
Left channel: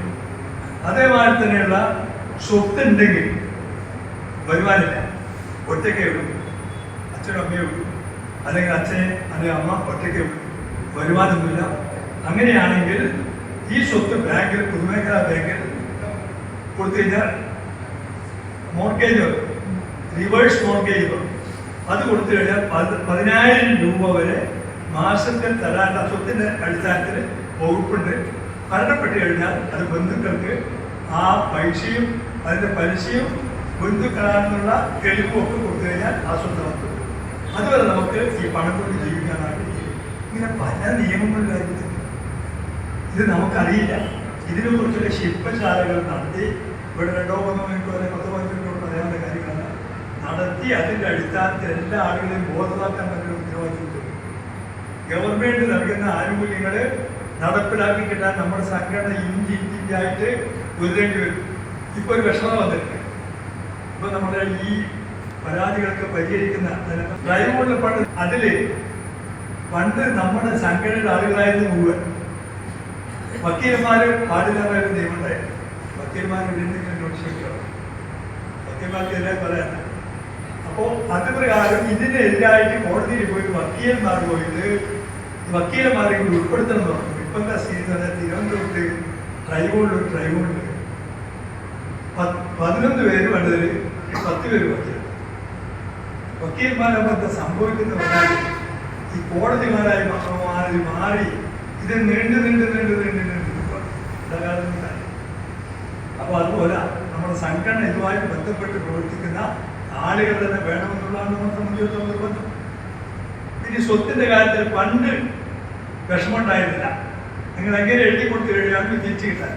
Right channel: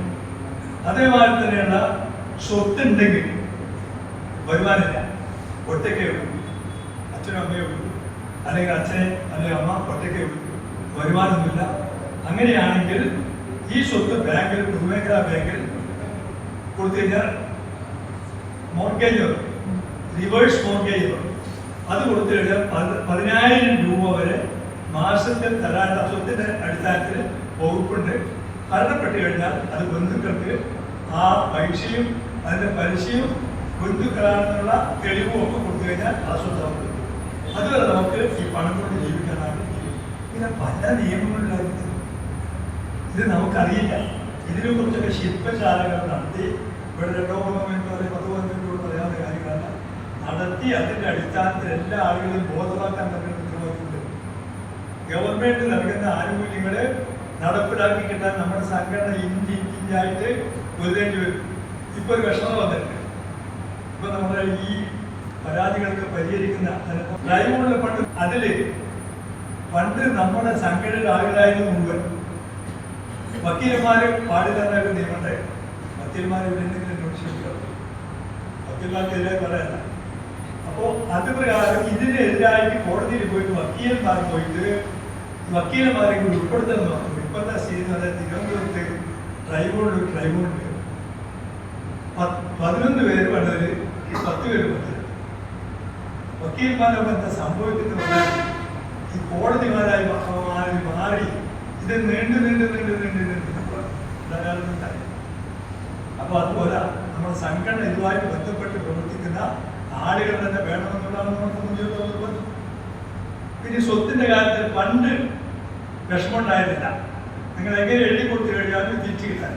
അതേമാതിരി തന്നെയുള്ള സ്വത്ത് ഉണ്ടെങ്കിൽ വരുമാനമില്ല, ഒറ്റയ്ക്കേ ഉള്ളൂ, അച്ഛനും അമ്മയേ ഉള്ളൂ, അല്ലെങ്കിൽ അച്ഛനെ അല്ലെങ്കിൽ അമ്മ ഒറ്റയ്ക്കേ ഉള്ളൂ, വരുമാനമൊന്നുമില്ല. അങ്ങനെയാണെങ്കിൽ ഈ സ്വത്ത് ബാങ്കിൽ, പൊതുമേഖലാ ബാങ്കിൽ കൊടുത്തു കഴിഞ്ഞാൽ മോർഗേജ്, റിവേഴ്സ് മോർഗേജ് അത് കൊടുത്തു കഴിഞ്ഞാൽ 10,000 രൂപ വരെ മാസത്തിൽ തരാനുള്ള സ്വത്തിൻ്റെ അടിസ്ഥാനത്തിൽ വകുപ്പുണ്ട്. മരണപ്പെട്ട് കഴിഞ്ഞാൽ അത് ബന്ധുക്കൾക്ക് ആ പൈസയും അതിൻ്റെ പലിശയും ബന്ധുക്കളാണെന്നുള്ള തെളിവും ഒക്കെ കൊടുത്തു കഴിഞ്ഞാൽ ആ സ്വത്ത് നമുക്ക് അതുവരെ നമുക്ക് ഈ പണം കൊണ്ട് ജീവിക്കാനാണ്. ഇങ്ങനെ പല നിയമങ്ങളിലായിരുന്നു. ഇത് നമുക്കറിയില്ല. ഇതിനെ കുറിച്ചൊക്കെ ശില്പശാലകൾ നടത്തി ഇവിടെ 2-3 മിനിറ്റോ 10-15 മിനിറ്റോ പറയാവുന്ന കാര്യങ്ങളാണ് നടത്തി. അതിൻ്റെ അടിസ്ഥാനത്തിൽ എല്ലാ ആളുകളെയും ബോധവാക്കാൻ പറ്റുന്ന ഉത്തരവാദിത്വം ഗവൺമെന്റ് നൽകുന്ന ആനുകൂല്യങ്ങളെ നടപ്പിലാക്കി കിട്ടാൻ നമ്മുടെ സംഘടന ഇഞ്ചിഞ്ചായിട്ട് ഉയരേണ്ടി വരും. ഇപ്പൊ ഒരു വിഷമം വന്നിട്ടുണ്ട്. ഇപ്പൊ നമ്മുടെ ഈ പരാതികൾക്ക് പരിഹരിക്കുന്ന ഡ്രൈവുള്ള പണ്ട് നമ്മുടെ സംഘടനയുടെ ആളുകളായിരുന്നു മുഴുവൻ. വക്കീലന്മാര് പാടില്ലാത്ത നിയമമുണ്ടായിരുന്നു. വക്കീലന്മാർ വക്കീൽമാർക്കെതിരെ പറയണ്ട. അപ്പോ അത് പ്രകാരം ഇതിനെതിരായിട്ട് കോടതിയിൽ പോയിട്ട് വക്കീലന്മാരെ ഉൾപ്പെടുത്തണം എന്ന് പറഞ്ഞു. ഇപ്പോഴത്തെ സ്ഥിതി പറഞ്ഞാൽ തിരുവനന്തപുരത്ത് ട്രൈബ്യൂണലുണ്ട്. 11 പേര് വേണ്ടതിൽ 10 പേര് വക്കീൽമാരൊക്കെ എന്താ സംഭവിക്കുന്ന പറഞ്ഞാൽ ഈ കോടതിമാരായി മാറി ഇത് നീണ്ടു അപ്പൊ അതുപോലെ നമ്മുടെ സംഘടന ഇതുമായിട്ട് ബന്ധപ്പെട്ട് പ്രവർത്തിക്കുന്ന ആളുകൾ തന്നെ വേണമെന്നുള്ളതാണ് നമ്മളെ സംബന്ധിച്ചിടത്തോളം നിർബന്ധം. ഇനി സ്വത്തിന്റെ കാര്യത്തിൽ പണ്ട് വിഷമമുണ്ടായിരുന്നില്ല. നിങ്ങൾ എങ്ങനെ എഴുതി കൊടുത്തു കഴിഞ്ഞാലും തിരിച്ചു കിട്ടാൻ.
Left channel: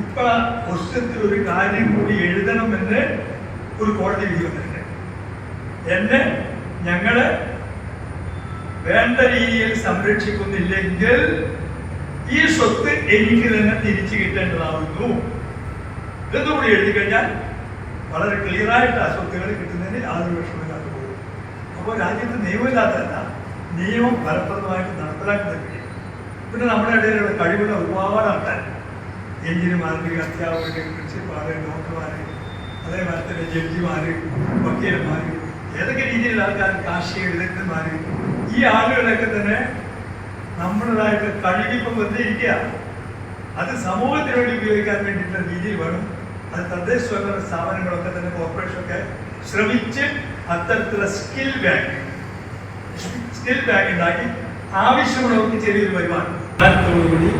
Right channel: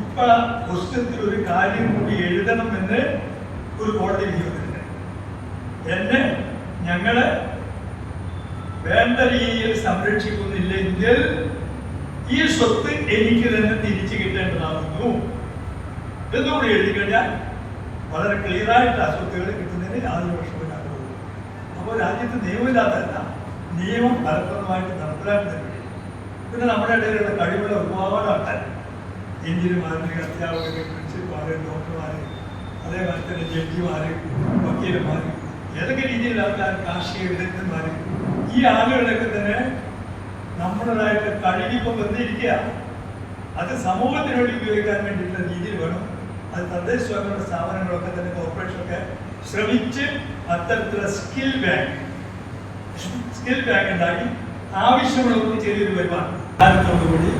ഇപ്പൊ പുസ്തകത്തിൽ ഒരു കാര്യം കൂടി എഴുതണം എന്ന് ഒരു കോടതി വിധി വന്നിട്ടുണ്ട്. ഞങ്ങള് വേണ്ട രീതിയിൽ സംരക്ഷിക്കുന്നില്ലെങ്കിൽ ഈ സ്വത്ത് എനിക്ക് തന്നെ തിരിച്ചു കിട്ടേണ്ടതാകുന്നു എന്നുകൂടി എഴുതി കഴിഞ്ഞാൽ വളരെ ക്ലിയറായിട്ട് ആ സ്വത്തുകൾ കിട്ടുന്നതിന് യാതൊരു വിഷമമില്ലാതെ പോകും. അപ്പോൾ രാജ്യത്ത് നിയമമില്ലാത്തതല്ല, നിയമം ഫലപ്രദമായിട്ട് നടപ്പിലാക്കുന്നതിന് വേണ്ടി പിന്നെ നമ്മുടെ ഇടയിലുള്ള കഴിവുള്ള ഒരുപാട് ആൾക്കാർ, എഞ്ചിനീയർമാർ, അധ്യാപകർ, പ്രിൻസിപ്പാൾ, ഡോക്ടർമാർ, അതേപോലെ തന്നെ ജഡ്ജിമാർ, വക്കീലന്മാർ, ഏതൊക്കെ രീതിയിലുള്ള ആൾക്കാർ, കാർഷിക വിദഗ്ധന്മാർ, ഈ ആളുകളൊക്കെ തന്നെ നമ്മുടേതായിട്ട് കഴിവിപ്പം വെറുതെ ഇരിക്കുക. അത് സമൂഹത്തിനോട് ഉപയോഗിക്കാൻ വേണ്ടിയിട്ടുള്ള രീതിയിൽ വേണം. അത് തദ്ദേശ സ്വയംഭരണ സ്ഥാപനങ്ങളൊക്കെ തന്നെ കോർപ്പറേഷനൊക്കെ ശ്രമിച്ച് അത്തരത്തിലുള്ള സ്കിൽ ബാങ്ക് ഉണ്ടാക്കി ആവശ്യമുള്ളവർക്ക് ചെറിയൊരു വരുമാനത്തോടുകൂടി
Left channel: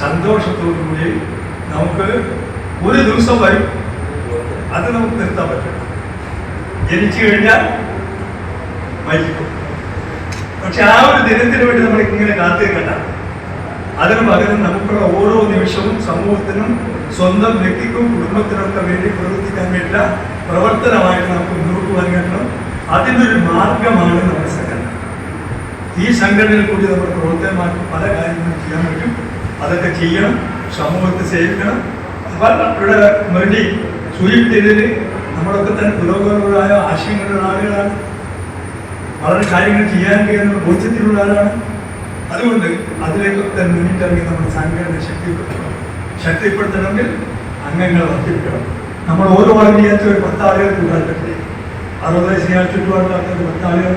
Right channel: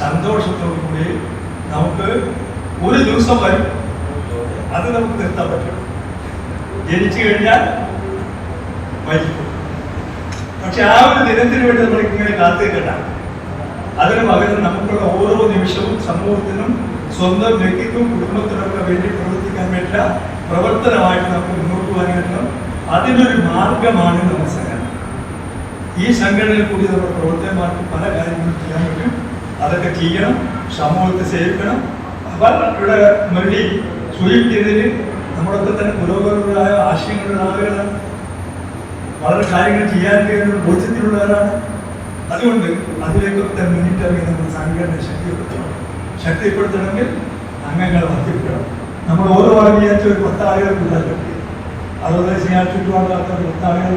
സന്തോഷത്തോടുകൂടി നമുക്ക് ഒരു ദിവസം വരും. അത് നമുക്ക് നിർത്താൻ പറ്റും. ജനിച്ചു കഴിഞ്ഞാൽ മരിക്കും. പക്ഷെ ആ ഒരു ദിനത്തിന് വേണ്ടി നമ്മൾ ഇങ്ങനെ കാത്തിരിക്കണ്ട. അതിനു പകരം നമുക്കുള്ള ഓരോ നിമിഷവും സമൂഹത്തിനും സ്വന്തം വ്യക്തിക്കും കുടുംബത്തിനൊക്കെ വേണ്ടി പ്രവർത്തിക്കാൻ വേണ്ടിയുള്ള പ്രവർത്തനമായിട്ട് നമുക്ക് മുന്നോട്ട് പോകാൻ കഴിയണം. അതിനൊരു മാർഗമാണ് നമ്മുടെ സംഘടന. ഈ സംഘടനയിൽ കൂടി നമ്മുടെ പ്രവർത്തനമാക്കി പല കാര്യങ്ങളും ചെയ്യാൻ പറ്റും. അതൊക്കെ ചെയ്യണം, സമൂഹത്തെ സേവിക്കണം. ഇവിടെ മുരളി സൂചിപ്പിച്ചതിൽ നമ്മളൊക്കെ തന്നെ പുരോഗമനപരമായ ആശയങ്ങളുള്ള ആളുകളാണ്. വളരെ കാര്യങ്ങൾ ചെയ്യാനുണ്ട് എന്നുള്ള ബോധ്യത്തിലുള്ളവരാണ്. അതുകൊണ്ട് അതിലേക്കൊക്കെ മുന്നിട്ടിറങ്ങി നമ്മുടെ സംഘടന ശക്തിപ്പെടുത്തണമെങ്കിൽ അംഗങ്ങൾ വർദ്ധിപ്പിക്കണം. നമ്മൾ ഓരോ ആളും വിചാരിച്ച ഒരു 10 ആളുകൾ കൂടാൻ പറ്റില്ല. 60 വയസ്സ് ചെയ്യാൻ ചുറ്റുപാടില്ലാത്ത 10 ആളുകൾ,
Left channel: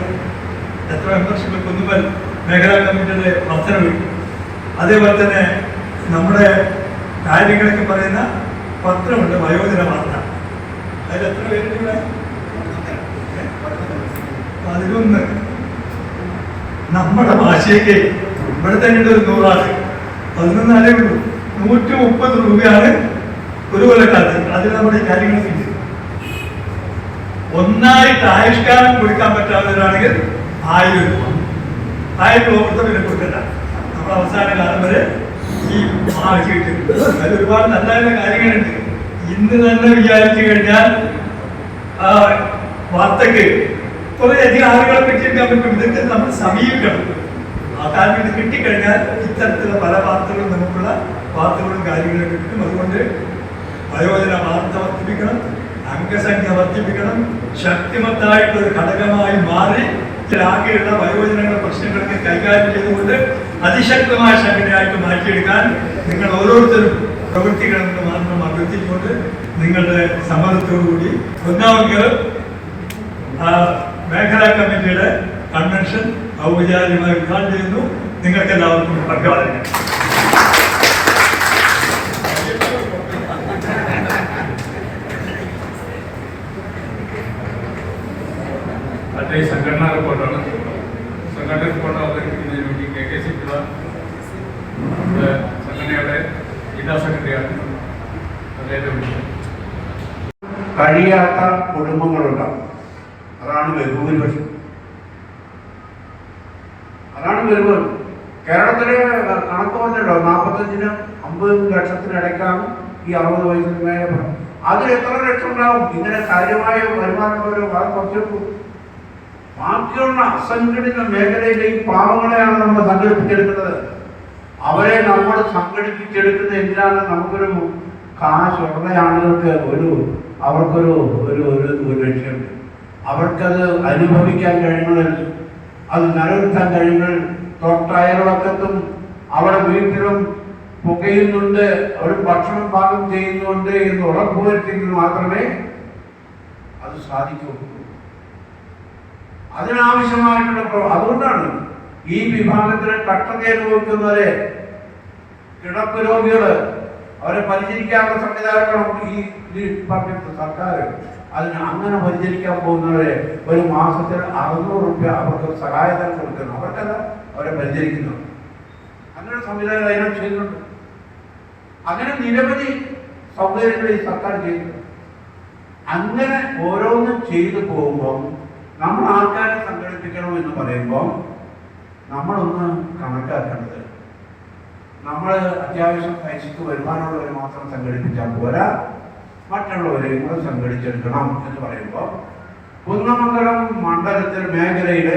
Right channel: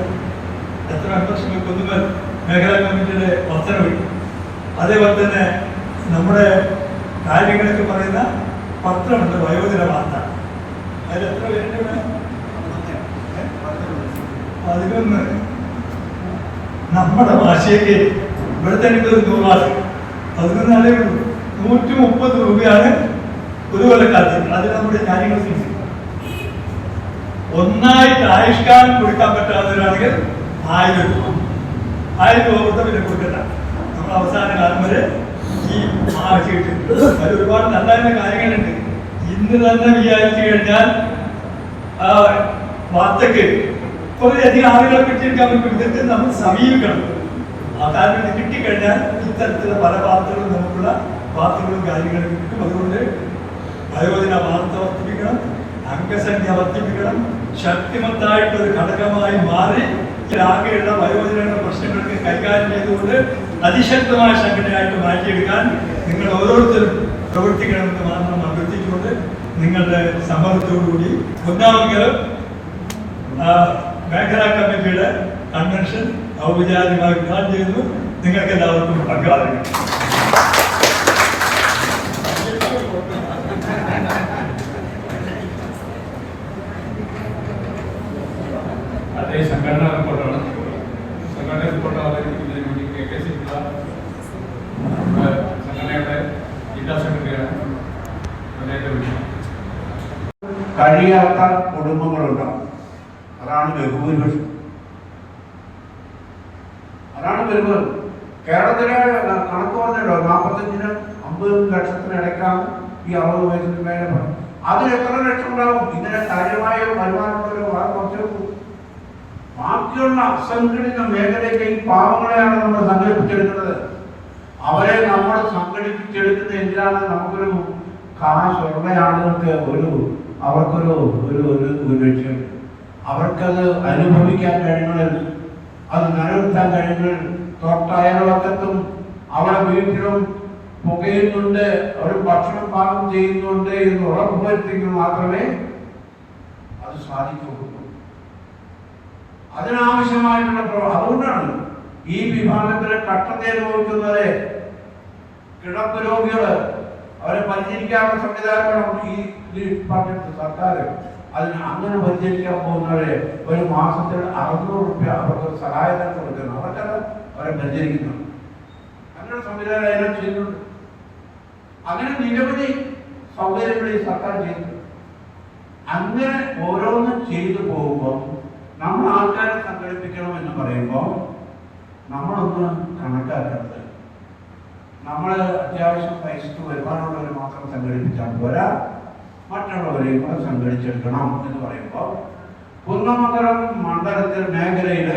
എത്ര മെമ്പർഷിപ്പ് കുന്നുമൽ മേഖലാ കമ്മിറ്റിയുടെ വർധനവ്, അതേപോലെ തന്നെ നമ്മുടെ കാര്യങ്ങളൊക്കെ പറയുന്ന പത്രമുണ്ട്, വയോജന വാർത്ത. അതിൽ എത്ര പേരുണ്ട് ഇവിടെ? 11. നമ്മുടെ ഭാഷയ്ക്ക് ഇവിടെ തന്നെ ഒരു 100 ആള്, 11 ആളേ ഉള്ളൂ. 130 രൂപയാണ് ഒരു കൊല്ലക്കാലത്ത് അതിൽ നമ്മുടെ കാര്യങ്ങൾ ഫിക്സ് ചെയ്യും. ഒന്നായിട്ട് ആയുഷ്കാലം കൊടുക്കാൻ പറ്റാവുന്നവരാണെങ്കിൽ 1000 രൂപ. 1000 രൂപ കൊടുത്താൽ പിന്നെ കൊടുക്കണ്ട. നമ്മൾ അവസാന കാലം വരെ ഈ വെച്ച് കിട്ടുന്നുണ്ട്. അതിൽ ഒരുപാട് നല്ല നല്ല കാര്യങ്ങളുണ്ട്. ഇന്ന് തന്നെ വിചാരിച്ചു കഴിഞ്ഞാൽ വാർത്തക്ക് കുറേയധികം ആളുകളെ കിട്ടിയെടുക്കാൻ പറ്റും. ഇതൊക്കെ നമ്മൾ സമീപിക്കണം. ആ കാര്യം ഇത് കിട്ടിക്കഴിഞ്ഞാൽ ഇത്തരത്തിലുള്ള പല വാർത്തകളും നമുക്കുള്ള വാർത്തകളും കാര്യങ്ങളൊക്കെ കിട്ടും. അതുകൊണ്ട് വയോജന വാർത്ത വർദ്ധിപ്പിക്കണം, അംഗസംഖ്യ വർദ്ധിപ്പിക്കണം, ശക്തിമത്തായിട്ടുള്ള ഒരു ഘടകമായി മാറി ആകെയുള്ള വയോജനങ്ങളുടെ പ്രശ്നങ്ങൾക്ക് കൈകാര്യം ചെയ്തുകൊണ്ട് അതിശക്തമായ സംഘടനയായിട്ട് മാറ്റിയെടുക്കാൻ നിങ്ങൾ ഓരോരുത്തരും പ്രവർത്തിക്കണമെന്ന് മാത്രം അഭ്യർത്ഥിച്ചുകൊണ്ട് നിങ്ങളുടെ സമ്മതത്തോടുകൂടി ഒന്നാമത് മേഖലാ കമ്മിറ്റിയുടെ കൺവെൻഷൻ ഔപചാരികമായി ഉദ്ഘാടനം ചെയ്യുന്നു. നിങ്ങൾക്ക് എല്ലാവർക്കും പങ്കാളിക്കാം. സംഘടനാ റിപ്പോർട്ടാണ്. സംഘടനാ റിപ്പോർട്ട് അവതരിപ്പിക്കുന്നതിന് വേണ്ടി KKC പിള്ള സംഘടനയുടെ ജില്ലാ സെക്രട്ടറിയാണ്. കഴിയാത്ത കുടുംബങ്ങളുണ്ടാവും. അതാണ് ബഹുഭൂരിപക്ഷം. അതാണ് വരുന്നത്. കേരളത്തിലെ കണക്ക് പറഞ്ഞല്ലോ, 45-നും 50 ലക്ഷത്തിനിടയ്ക്കാണ് ഈ 60 വയസ്സിന് മേലെ. അതിൽ എത്ര ലക്ഷം ഉണ്ടാവും? ഇങ്ങനെ കാര്യമായ വരുമാനമുള്ളവരോ വളരെ കുറച്ചെടുക്കും. ബാക്കിയുള്ള അസംഘടിത മേഖലയിലെ ഈ പാവങ്ങളെയാണ് നമ്മൾ സംഘടിപ്പിച്ചെടുക്കുന്നത്. അവരെ നമ്മൾ സംഘടിപ്പിച്ചെടുക്കുന്ന എന്തിനാണ്? നമുക്കൊരു കാശുള്ള ആളുകൾക്ക് അവർക്കൊരു ലക്ഷ്യമുണ്ട്. അവർക്കത് അനുഭവിക്കാൻ കഴിയുന്നത്, അത് നിലനിർത്താൻ കഴിയുന്നത് തൊട്ടയൽവക്കത്തും അവിടെ വീട്ടിലും പുകയുന്നുണ്ട്, അവർ ഭക്ഷണം പാകം ചെയ്യുന്നുണ്ട് എന്ന് ഉറപ്പുവരുത്തിയെങ്കിൽ മാത്രമേ അത് സാധിക്കുകയുള്ളൂ. അതിനാവശ്യമായിട്ടുള്ള അതുകൊണ്ടാണ് ഈ വിഭാഗത്തിൽ കഷ്ടത അനുഭവിക്കുന്നവരെ, കിടപ്പ് രോഗികള്, അവരെ പരിചരിക്കാനുള്ള സംവിധാനങ്ങളും ഈ ഡിപ്പാർട്ട്മെന്റ് സർക്കാർ അതിന് അങ്ങനെ പരിചരിക്കാൻ പോകുന്നവരെ ഒരു മാസത്തിൽ 600 രൂപ അവർക്ക് സഹായധനം കൊടുക്കുന്നു. അവർക്കല്ല അവരെ പരിചരിക്കുന്നു. അങ്ങനെ സംവിധാനം അതിനോട് ചെയ്യുന്നുണ്ട്. അങ്ങനെ നിരവധി സൗകര്യങ്ങൾ ഈ സർക്കാർ ചെയ്യുന്നു. അങ്ങനെ ഓരോന്നും ചെയ്തു പോകുമ്പോൾ നമ്മൾ ആൾക്കാരെ സംഘടിപ്പിക്കണം എന്ന് പറയുമ്പോൾ നമ്മളൊന്ന് കണക്കാക്കേണ്ടത്, നമ്മൾ അത്യാവശ്യം പൈസക്ക് വരുമാനമുള്ളവർ മാത്രം സംഘടിപ്പിച്ചാൽ പോരാ, മറ്റുള്ളവരെയും അത് സംഘടിച്ചെടുക്കണം എന്ന് പറയുമ്പോൾ കുന്നമംഗലം മണ്ഡലത്തിൽ മേഖലയിൽ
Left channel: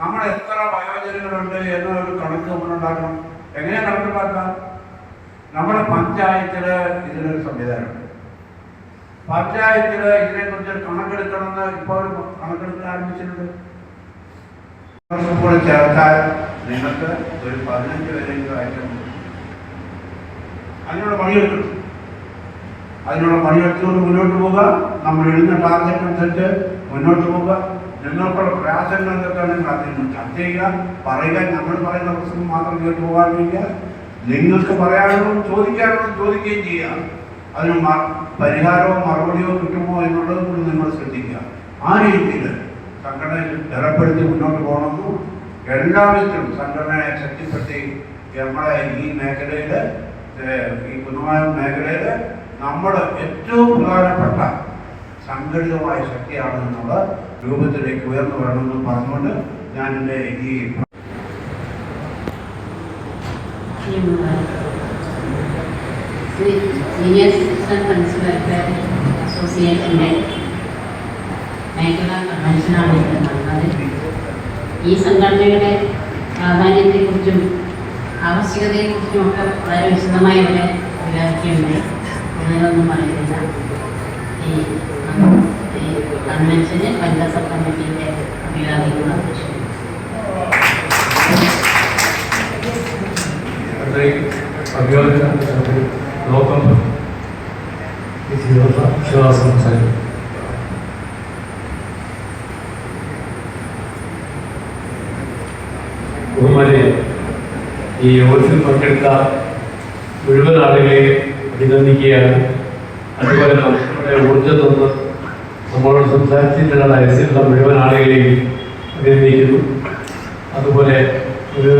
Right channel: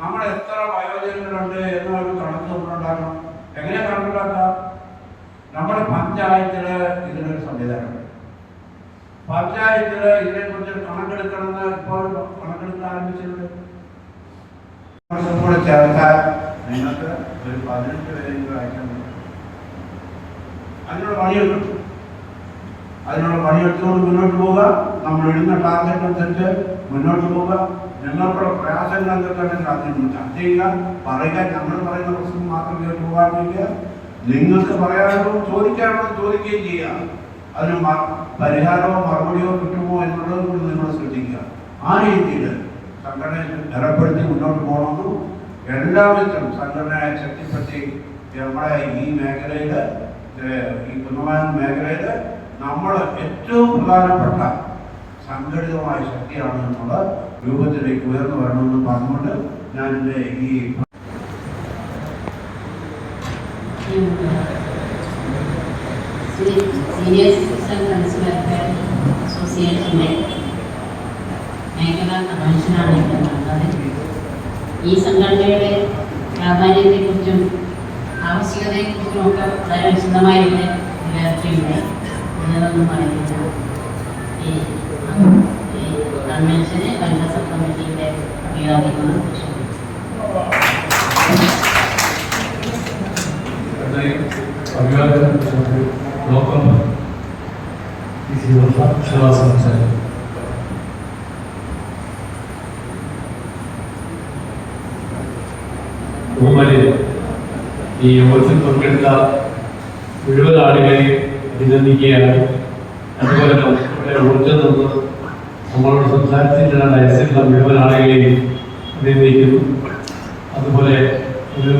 നമ്മൾ എത്ര വയോജനങ്ങളുണ്ട് എന്നൊരു കണക്ക് നമ്മളുണ്ടാക്കണം. എങ്ങനെ കണക്കുണ്ടാക്കാം? നമ്മുടെ പഞ്ചായത്തിൽ ഇതിനൊരു സംവിധാനമുണ്ട്. പഞ്ചായത്തിൽ ഇതിനെക്കുറിച്ച് കണക്കെടുക്കണമെന്ന് ഇപ്പോൾ കണക്കെടുക്കാൻ ആരംഭിച്ചിട്ടുണ്ട്. കൂടെ ചേർത്താൽ നിങ്ങൾക്ക് ഒരു 15 പേരെങ്കിലും അയക്കണം. അതിനുള്ള പണിയെടുക്കണം. അതിനുള്ള പണിയെടുത്തുകൊണ്ട് മുന്നോട്ട് പോവുക. നമ്മൾ ഇടുന്ന ടാർഗറ്റ് അനുസരിച്ച് മുന്നോട്ട് പോവുക. നിങ്ങൾക്കുള്ള പ്രയാസങ്ങൾ എന്തൊക്കെയാണ് അതിന് ചർച്ച ചെയ്യുക, പറയുക. നമ്മൾ പറയുന്ന പ്രശ്നം മാത്രം കേട്ട് പോകാതിരിക്കുക. നിങ്ങൾക്ക് പറയാനുള്ളൂ ചോദിക്കാനുള്ളൂ ചോദിക്കുകയും ചെയ്യുക. അതിന് പരിഹാരമോ മറുപടിയോ കിട്ടുമോ എന്നുള്ളത് നിങ്ങൾ ശ്രദ്ധിക്കുക. ആ രീതിയിൽ സംഘടനയിൽ ഏർപ്പെടുത്തി മുന്നോട്ട് പോകണമെന്നും എല്ലാവിധത്തിലും സംഘടനയെ ശക്തിപ്പെടുത്തി നമ്മുടെ ഈ മേഖലയിൽ, ഈ കുന്നമംഗലം മേഖലയിൽ നമ്മൾ ഏറ്റവും പ്രധാനപ്പെട്ട സംഘടിതമായ ശക്തിയാണ് എന്നുള്ള രൂപത്തിലേക്ക് ഉയർന്നു വരണമെന്ന് പറഞ്ഞുകൊണ്ട് ഞാൻ എൻ്റെ ഈ സീനിയർ സിറ്റിസൺ ഫ്രണ്ട്സ് വെൽഫെയർ അസോസിയേഷൻ്റെ മേഖലാ കൺവെൻഷനാണ് ഇവിടെ നടന്നത്. ഈ സംഘടനയുടെ പ്രാധാന്യത്തെക്കുറിച്ചും ആവശ്യകതയെക്കുറിച്ചും ഒക്കെ വളരെ വിശദമായി ഇവിടെ വിവരിക്കുന്നുണ്ട്. ഇതിനൊന്നും പറയുന്നില്ല. ഈ കൺവെൻഷന് വനിതാ സബ് കമ്മിറ്റിയുടെ വിഭാഗീയമാണ്. ഈ യോഗത്തിൽ പങ്കെടുത്ത മുഴുവൻ ആളുകളെയും അഭിനന്ദിക്കുകയാണ്. അതുപോലെ നമ്മുടെ ഊർജ്ജം നിന്ന് നമ്മളോട് സംസാരിച്ചിട്ടുള്ള ഡയസിലുള്ള മുഴുവൻ ആളുകളെയും അഭിനന്ദിക്കുന്നു. അതുപോലെ ഒരു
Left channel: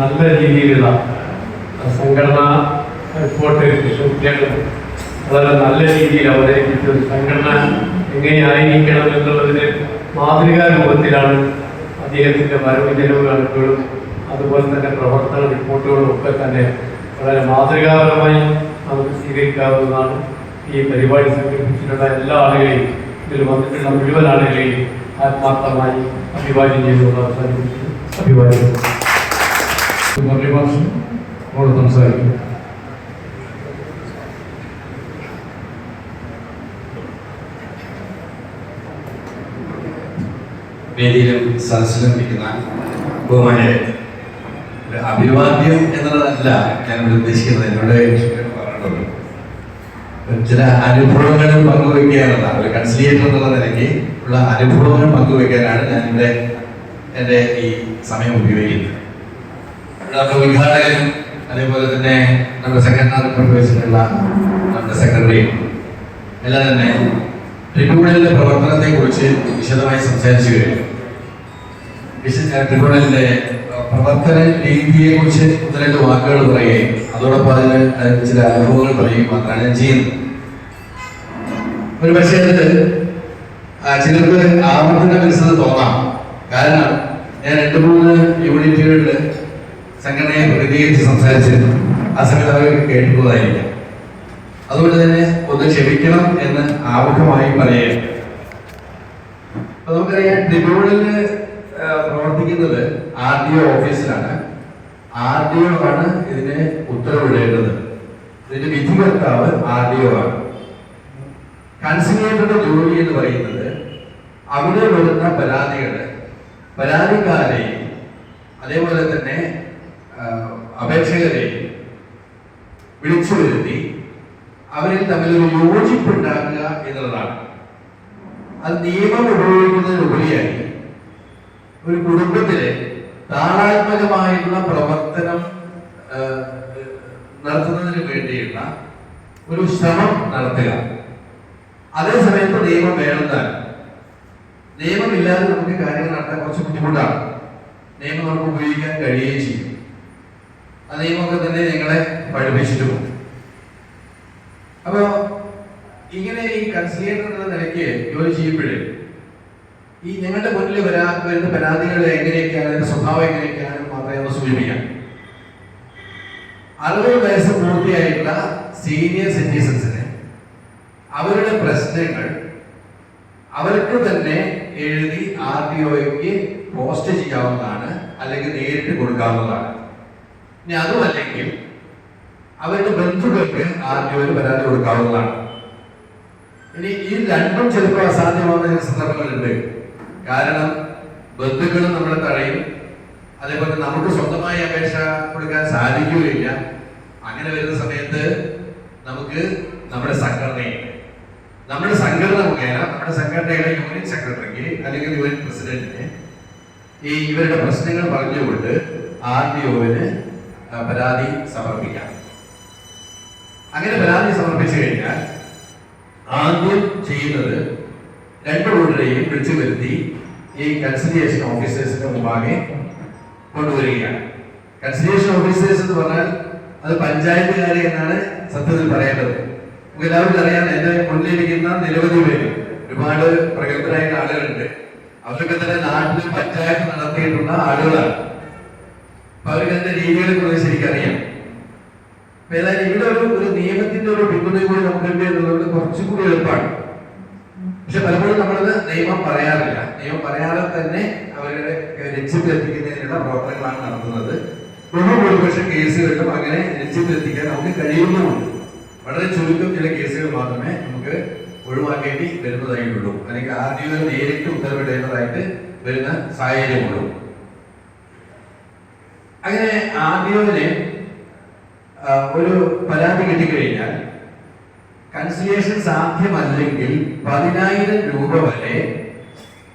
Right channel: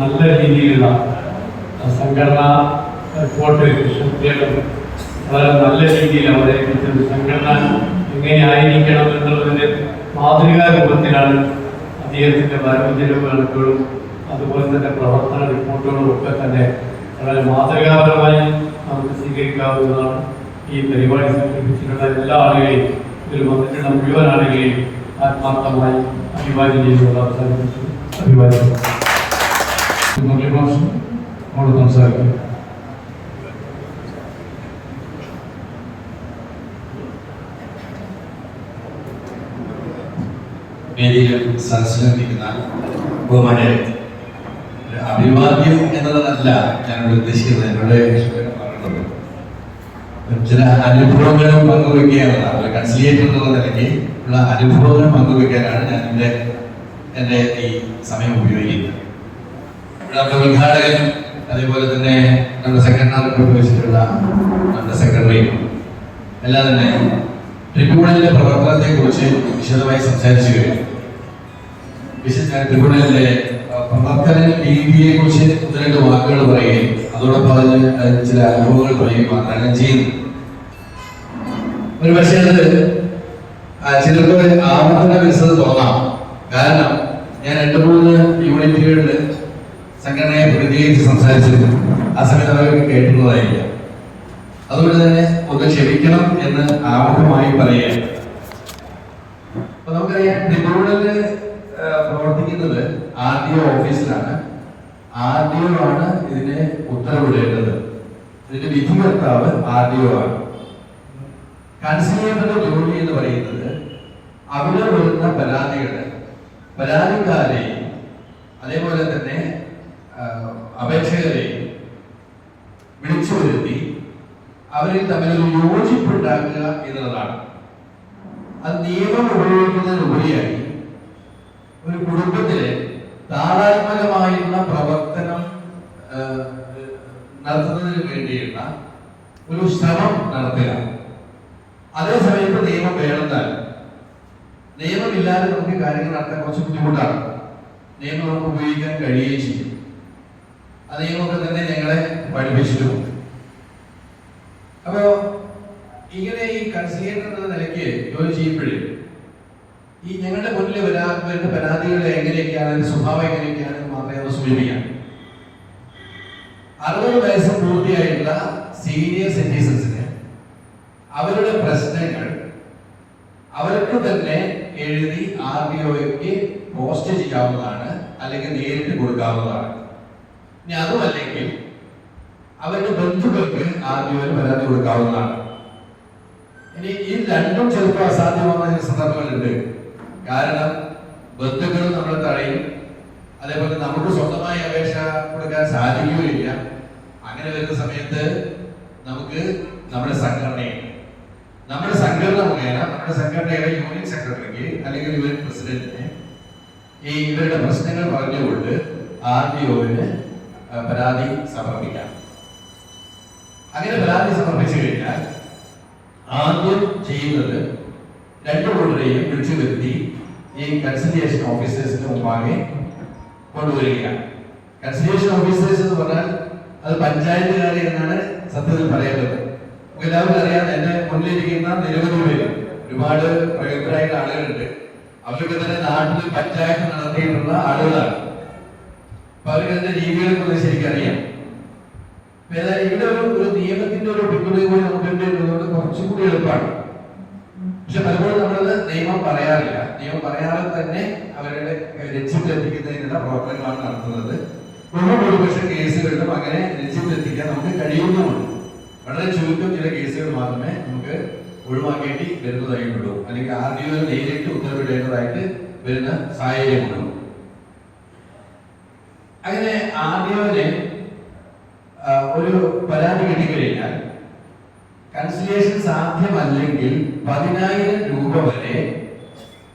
നല്ല രീതിയിലുള്ള സംഘടനാ റിപ്പോർട്ട് കുട്ടികളും വളരെ നല്ല രീതിയിൽ അവതരിപ്പിച്ചു. സംഘടന എങ്ങനെയായിരിക്കണം എന്നുള്ളതിന് മാതൃകാ രൂപത്തിലാണ് അദ്ദേഹത്തിൻ്റെ വരവ് ഇപ്പോഴും അതുപോലെ തന്നെ പ്രവർത്തന റിപ്പോർട്ടുകളും ഒക്കെ തന്നെ വളരെ മാതൃകാപരമായി നമുക്ക് സ്വീകരിക്കാവുന്നതാണ്. ഈ പരിപാടി സംഘടിപ്പിച്ചിട്ടുള്ള എല്ലാ ആളുകളെയും ഇതിൽ വന്നിട്ടുള്ള മുഴുവൻ ആളുകളെയും ആത്മാർത്ഥമായി അഭിവാദ്യം ചെയ്തുകൊണ്ട് അവസാനിപ്പിച്ചു. അഭിവാദ്യം. അവിടെ സംസാരിക്കും. വേദിയിലും സദസ്സിലും ഇരിക്കുന്ന ബഹുമാന്യരെ, ഒരു അഭിവാദ്യം എന്നുള്ളതല്ല ഞാനിവിടെ ഉദ്ദേശിക്കുന്നത്. എന്നോട് പറഞ്ഞിട്ടുണ്ട് ചില അനുഭവങ്ങളും പങ്കുവയ്ക്കുക എന്നുള്ളതാണ്. ഒരു കൺസിലിയേറ്റർ എന്നുള്ള നിലയ്ക്ക് ഉള്ള അനുഭവങ്ങളും പങ്കുവയ്ക്കാനാണ് ഞാനിവിടെ എൻ്റെ ഈ സമയം ഉപയോഗിക്കുന്നത്. നമ്മുടെ ഉദ്ഘാടകനും അതേപോലെ തന്നെ നമ്മുടെ സംഘടനാ വെച്ചിട്ടുള്ള നമ്മുടെ സെക്രട്ടറിയും എല്ലാം തന്നെ ട്രിബ്യൂണലിന്റെ പ്രവർത്തനത്തെ കുറിച്ച് വിശദമായി സംസാരിച്ചു കഴിഞ്ഞു. ട്രിബ്യൂണലിന്റെ പ്രവർത്തന രീതിയെ കുറിച്ച് ഒന്ന് രണ്ട് വാക്കുകൾ പറയുകയും അതോടൊപ്പം അതിന് ചില അനുഭവങ്ങൾ പറയുകയും മാത്രമാണ് ഞാൻ ചെയ്യുന്നത്. ഒരു പക്ഷേ അത് ചിലർക്ക് ആവർത്തന വിരസത തോന്നാം. കാരണം ഞാൻ 2-3 യൂണിറ്റുകളിൽ സംഘടനയെ പ്രതികരിച്ച് സംസാരിച്ചിരുന്നു. ആ സമയത്ത് അവർക്ക് കേട്ടിട്ടുള്ളതായിരിക്കും. അതുകൊണ്ട് തന്നെ ഒന്ന് ക്ഷമിക്കണം എന്ന് ആമുഖമായി പറയുകയാണ്. നമുക്കറിയാം, ട്രിബ്യൂണലിൽ പ്രവർത്തിക്കുന്നത് RDO ഓഫീസിലാണ്. RDO ആണ് ഇതിന് ഉത്തരവിടേണ്ടത്. ഇതിന്റെ വിധികർത്താവ് RDO ആണ്. കൺസിലിയേറ്ററുടെ ജോലി എന്ന് പറയുന്നത് അവിടെ വരുന്ന പരാതിക്കാരെയും അതേപോലെ തന്നെ അപേക്ഷകരെയും വിളിച്ചു വരുത്തി അവരിൽ തമ്മിലൊരു യോജിപ്പുണ്ടാക്കുക എന്നുള്ളതാണ്. അത് നിയമം ഉപയോഗിക്കുന്നതിനുപരിയായി ഒരു കുടുംബത്തിലെ താളാത്മകമായിട്ടുള്ള പ്രവർത്തനം നടത്തുന്നതിന് വേണ്ടിയുള്ള ഒരു ശ്രമം നടത്തുക. അതേസമയത്ത് നിയമം വേണമെന്നാൽ നിയമമില്ലാതെ നമുക്ക് കാര്യങ്ങൾ നടത്താൻ കുറച്ച് ബുദ്ധിമുട്ടാണ്. നിയമം നമുക്ക് ഉപയോഗിക്കാൻ കഴിയുകയും ചെയ്യും. ആ നിയമമൊക്കെ തന്നെ ഞങ്ങളെ പഠിപ്പിച്ചിട്ടുമുണ്ട്. അപ്പോ ഇങ്ങനെ ഈ കൺസിലിയേറ്റർ എന്ന നിലയ്ക്ക് ജോലി ചെയ്യുമ്പോഴേ ഈ ഞങ്ങളുടെ മുന്നിൽ വരുന്ന പരാതികൾ എങ്ങനെയൊക്കെയാണ്, സ്വഭാവം എങ്ങനെയൊക്കെയാണെന്ന് മാത്രമേ ഒന്ന് സൂചിപ്പിക്കാം. 60 വയസ്സ് പൂർത്തിയായിട്ടുള്ള സീനിയർ സിറ്റിസൺസിന് അവരുടെ പ്രശ്നങ്ങൾ അവർക്ക് തന്നെ എഴുതി RDOയ്ക്ക് പോസ്റ്റ് ചെയ്യാവുന്നതാണ്, അല്ലെങ്കിൽ നേരിട്ട് കൊടുക്കാവുന്നതാണ്. ഇനി അതുമല്ലെങ്കിൽ അവരുടെ ബന്ധുക്കൾക്ക് RDOയിൽ പരാതി കൊടുക്കാവുന്നതാണ്. ഇനി ഈ രണ്ടും ചിലപ്പോൾ അസാധ്യമാകുന്ന ചില സന്ദർഭങ്ങളുണ്ട്. കാരണം ബന്ധുക്കളും നമ്മളെ തടയും, അതേപോലെ നമുക്ക് സ്വന്തമായി അപേക്ഷ കൊടുക്കാൻ സാധിക്കുകയില്ല. അങ്ങനെ വരുന്ന സമയത്ത് നമുക്ക് നമ്മുടെ സംഘടന മുഖേന നമ്മുടെ സംഘടനയുടെ യൂണിറ്റ് സെക്രട്ടറിക്ക് അല്ലെങ്കിൽ യൂണിറ്റ് പ്രസിഡന്റിന് ഈ ഇവരുടെ പ്രശ്നങ്ങൾ പറഞ്ഞുകൊണ്ട് RDOന് പരാതി സമർപ്പിക്കാം. അങ്ങനെ പരാതി സമർപ്പിച്ചു കഴിഞ്ഞാൽ ആദ്യം ചെയ്യുന്നത് 2 കൂട്ടരെയും വിളിച്ചു വരുത്തി ഈ കൺസിലിയേഷൻ ഓഫീസേഴ്സിന്റെ മുമ്പാകെ കൊണ്ടുവരികയാണ്. കൺസിലിയേഷൻ ഓഫീസേഴ്സ് എന്ന് പറഞ്ഞാൽ അത് പഞ്ചായത്തുകാരെ എന്നാണ് സത്യത്തിൽ പറയേണ്ടത്. നമുക്ക് എല്ലാവർക്കും അറിയാം, എന്റെ മുന്നിലിരിക്കുന്ന നിരവധി പേര്, ഒരുപാട് പ്രഗത്ഭരായ ആളുകളുണ്ട്. അവരൊക്കെ തന്നെ നാട്ടിൽ പഞ്ചായത്ത് നടത്തിയിട്ടുള്ള ആളുകളാണ്. അപ്പൊ അവർക്ക് അതിന്റെ രീതികളെ കുറിച്ച് ശരിക്കറിയാം. ഏതായാലും ഇവിടെ ഒരു നിയമത്തിന്റെ ഒരു പിന്തുണ കൂടി നമുക്ക് എന്നുള്ളത് കുറച്ചും കൂടി എളുപ്പമാണ്. പക്ഷെ പലപ്പോഴും നമ്മളത് നിയമം പറയാറില്ല. നിയമം പറയാതെ തന്നെ അവരുടെ ലക്ഷ്യത്തിലെത്തിക്കുന്നതിനുള്ള പ്രവർത്തനങ്ങളാണ് നടത്തുന്നത്. ബഹുഭൂരിപക്ഷം കേസുകളിലും അങ്ങനെ ലക്ഷ്യത്തിലെത്തിക്കാൻ നമുക്ക് കഴിയുന്നുമുണ്ട്. വളരെ ചുരുക്കം ചില കേസുകൾ മാത്രമേ നമുക്ക് ഒഴിവാക്കേണ്ടി വരുന്നതായിട്ടുള്ളൂ, അല്ലെങ്കിൽ RDO നേരിട്ട് ഉത്തരവിടേണ്ടതായിട്ട് വരുന്ന സാഹചര്യമുള്ളൂ. അങ്ങനെ RDOന് ഒരു പരാതി കിട്ടിക്കഴിഞ്ഞാൽ കൺസിലിയേഷൻ സാധ്യമല്ലെങ്കിൽ 10,000 രൂപ വരെ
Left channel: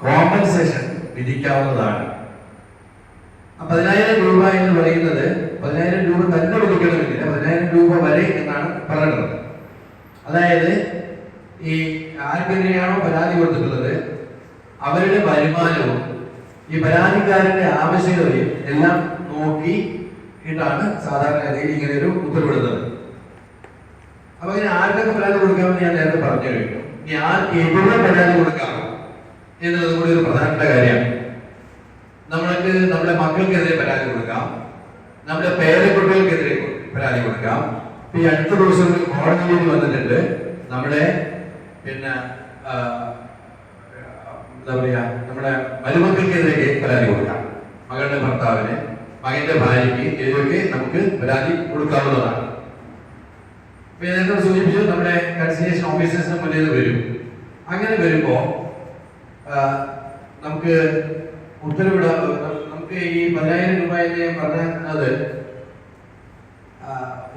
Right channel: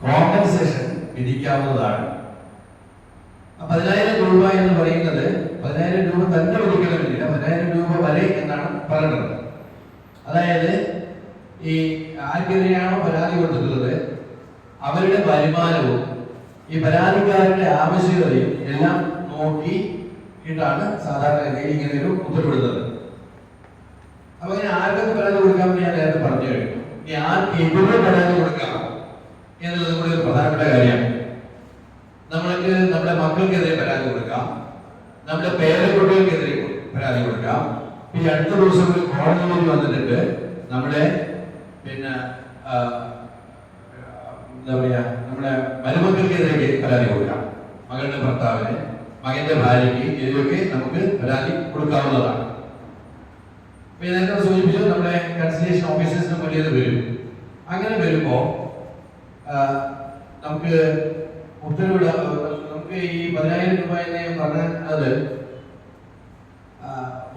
കോമ്പൻസേഷൻ വിധിക്കാവുന്നതാണ്. 10,000 രൂപ എന്ന് പറയുന്നത് 10,000 രൂപ തന്നെ വിധിക്കണമെന്നില്ല, 10,000 രൂപ വരെ എന്നാണ് പറയുന്നത്. അതായത് ഈ ആർക്കെതിരെയാണോ പരാതി കൊടുത്തിട്ടുള്ളത് അവരുടെ വരുമാനവും ഈ പരാതിക്കാരന്റെ ആവശ്യകതയും എല്ലാം നോക്കിയിട്ടാണ് സാധാരണഗതിയിൽ ഇങ്ങനെ ഒരു ഉത്തരവിടുന്നത്. അപ്പൊ ഇങ്ങനെ ആർക്കൊക്കെ പരാതി കൊടുക്കാമെന്ന് ഞാൻ നേരത്തെ പറഞ്ഞു കഴിഞ്ഞു. ഇനി ആർക്കെതിരെ പരാതി കൊടുക്കാം എന്നുള്ളത് കൂടി ഒരു പ്രധാനപ്പെട്ട കാര്യമാണ്. നമ്മൾക്ക് നമ്മുടെ മക്കൾക്കെതിരെ പരാതി കൊടുക്കാം, നമ്മുടെ പേരക്കുട്ടികൾക്കെതിരെ പരാതി കൊടുക്കാം. ഈ അടുത്ത ദിവസം ഒരു കോടതിയിൽ വന്നിട്ടുണ്ട്, നമ്മുടെ പിന്നെ എന്താ പറയാ, നമ്മുടെ മരുമക്കൾക്കെതിരെ പരാതി കൊടുക്കാം. മകളുടെ ഭർത്താവിന്, മകന്റെ ഭാര്യയ്ക്ക് ഇതിലൊക്കെ നമുക്ക് പരാതി കൊടുക്കാവുന്നതാണ്. നേരത്തെ സൂചിപ്പിച്ചു നമ്മുടെ കൺസൾട്ടേഷൻ ഓഫീസേഴ്സിന് മുന്നിൽ വരും. അങ്ങനെ വരുമ്പോ നമുക്ക് ഉത്തരവിടാൻ, നമുക്ക് ഈ 10,000 രൂപ പറഞ്ഞത്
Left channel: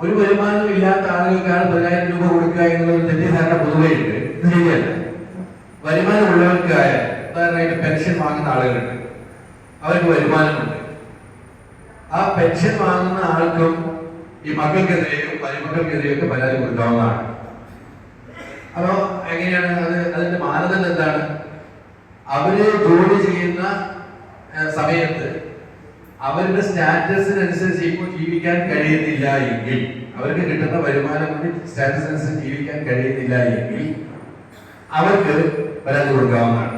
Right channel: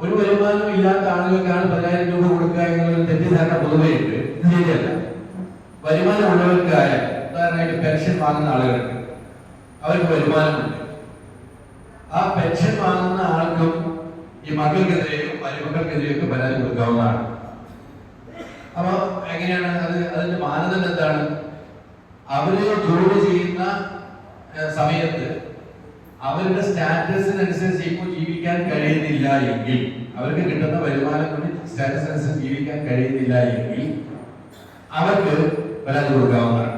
ഒരു വരുമാനം ഇല്ലാത്ത ആളുകൾക്കാണ് 10,000 രൂപ കൊടുക്കുക എന്നുള്ള തെറ്റിദ്ധാരണ പൊതുവെ ഉണ്ട്. ഇത് ശരിയല്ല. വരുമാനം ഉള്ളവർക്കായ, ഉദാഹരണമായിട്ട് പെൻഷൻ വാങ്ങുന്ന ആളുകൾക്ക് അവർക്ക് വരുമാനമുണ്ട്. ആ പെൻഷൻ വാങ്ങുന്ന ആൾക്കും ഈ മക്കൾക്കെതിരെയും മരുമക്കൾക്കെതിരെയൊക്കെ പരാതി കൊടുക്കാവുന്നതാണ്. അപ്പൊ എങ്ങനെയാണ് അത്? അതിന്റെ മാനദണ്ഡം എന്താണ്? അവര് ജോലി ചെയ്യുന്ന സമയത്ത് അവരുടെ സ്റ്റാറ്റസിനനുസരിച്ച് ഇപ്പോൾ ജീവിക്കാൻ കഴിയുന്നില്ല എങ്കിൽ, അവർക്ക് കിട്ടുന്ന വരുമാനം കൊണ്ട് സ്റ്റാറ്റസിനനുസരിച്ച് ജീവിക്കാൻ കഴിയുന്നില്ല എങ്കിൽ അവർക്ക് പരാതി കൊടുക്കാവുന്നതാണ്.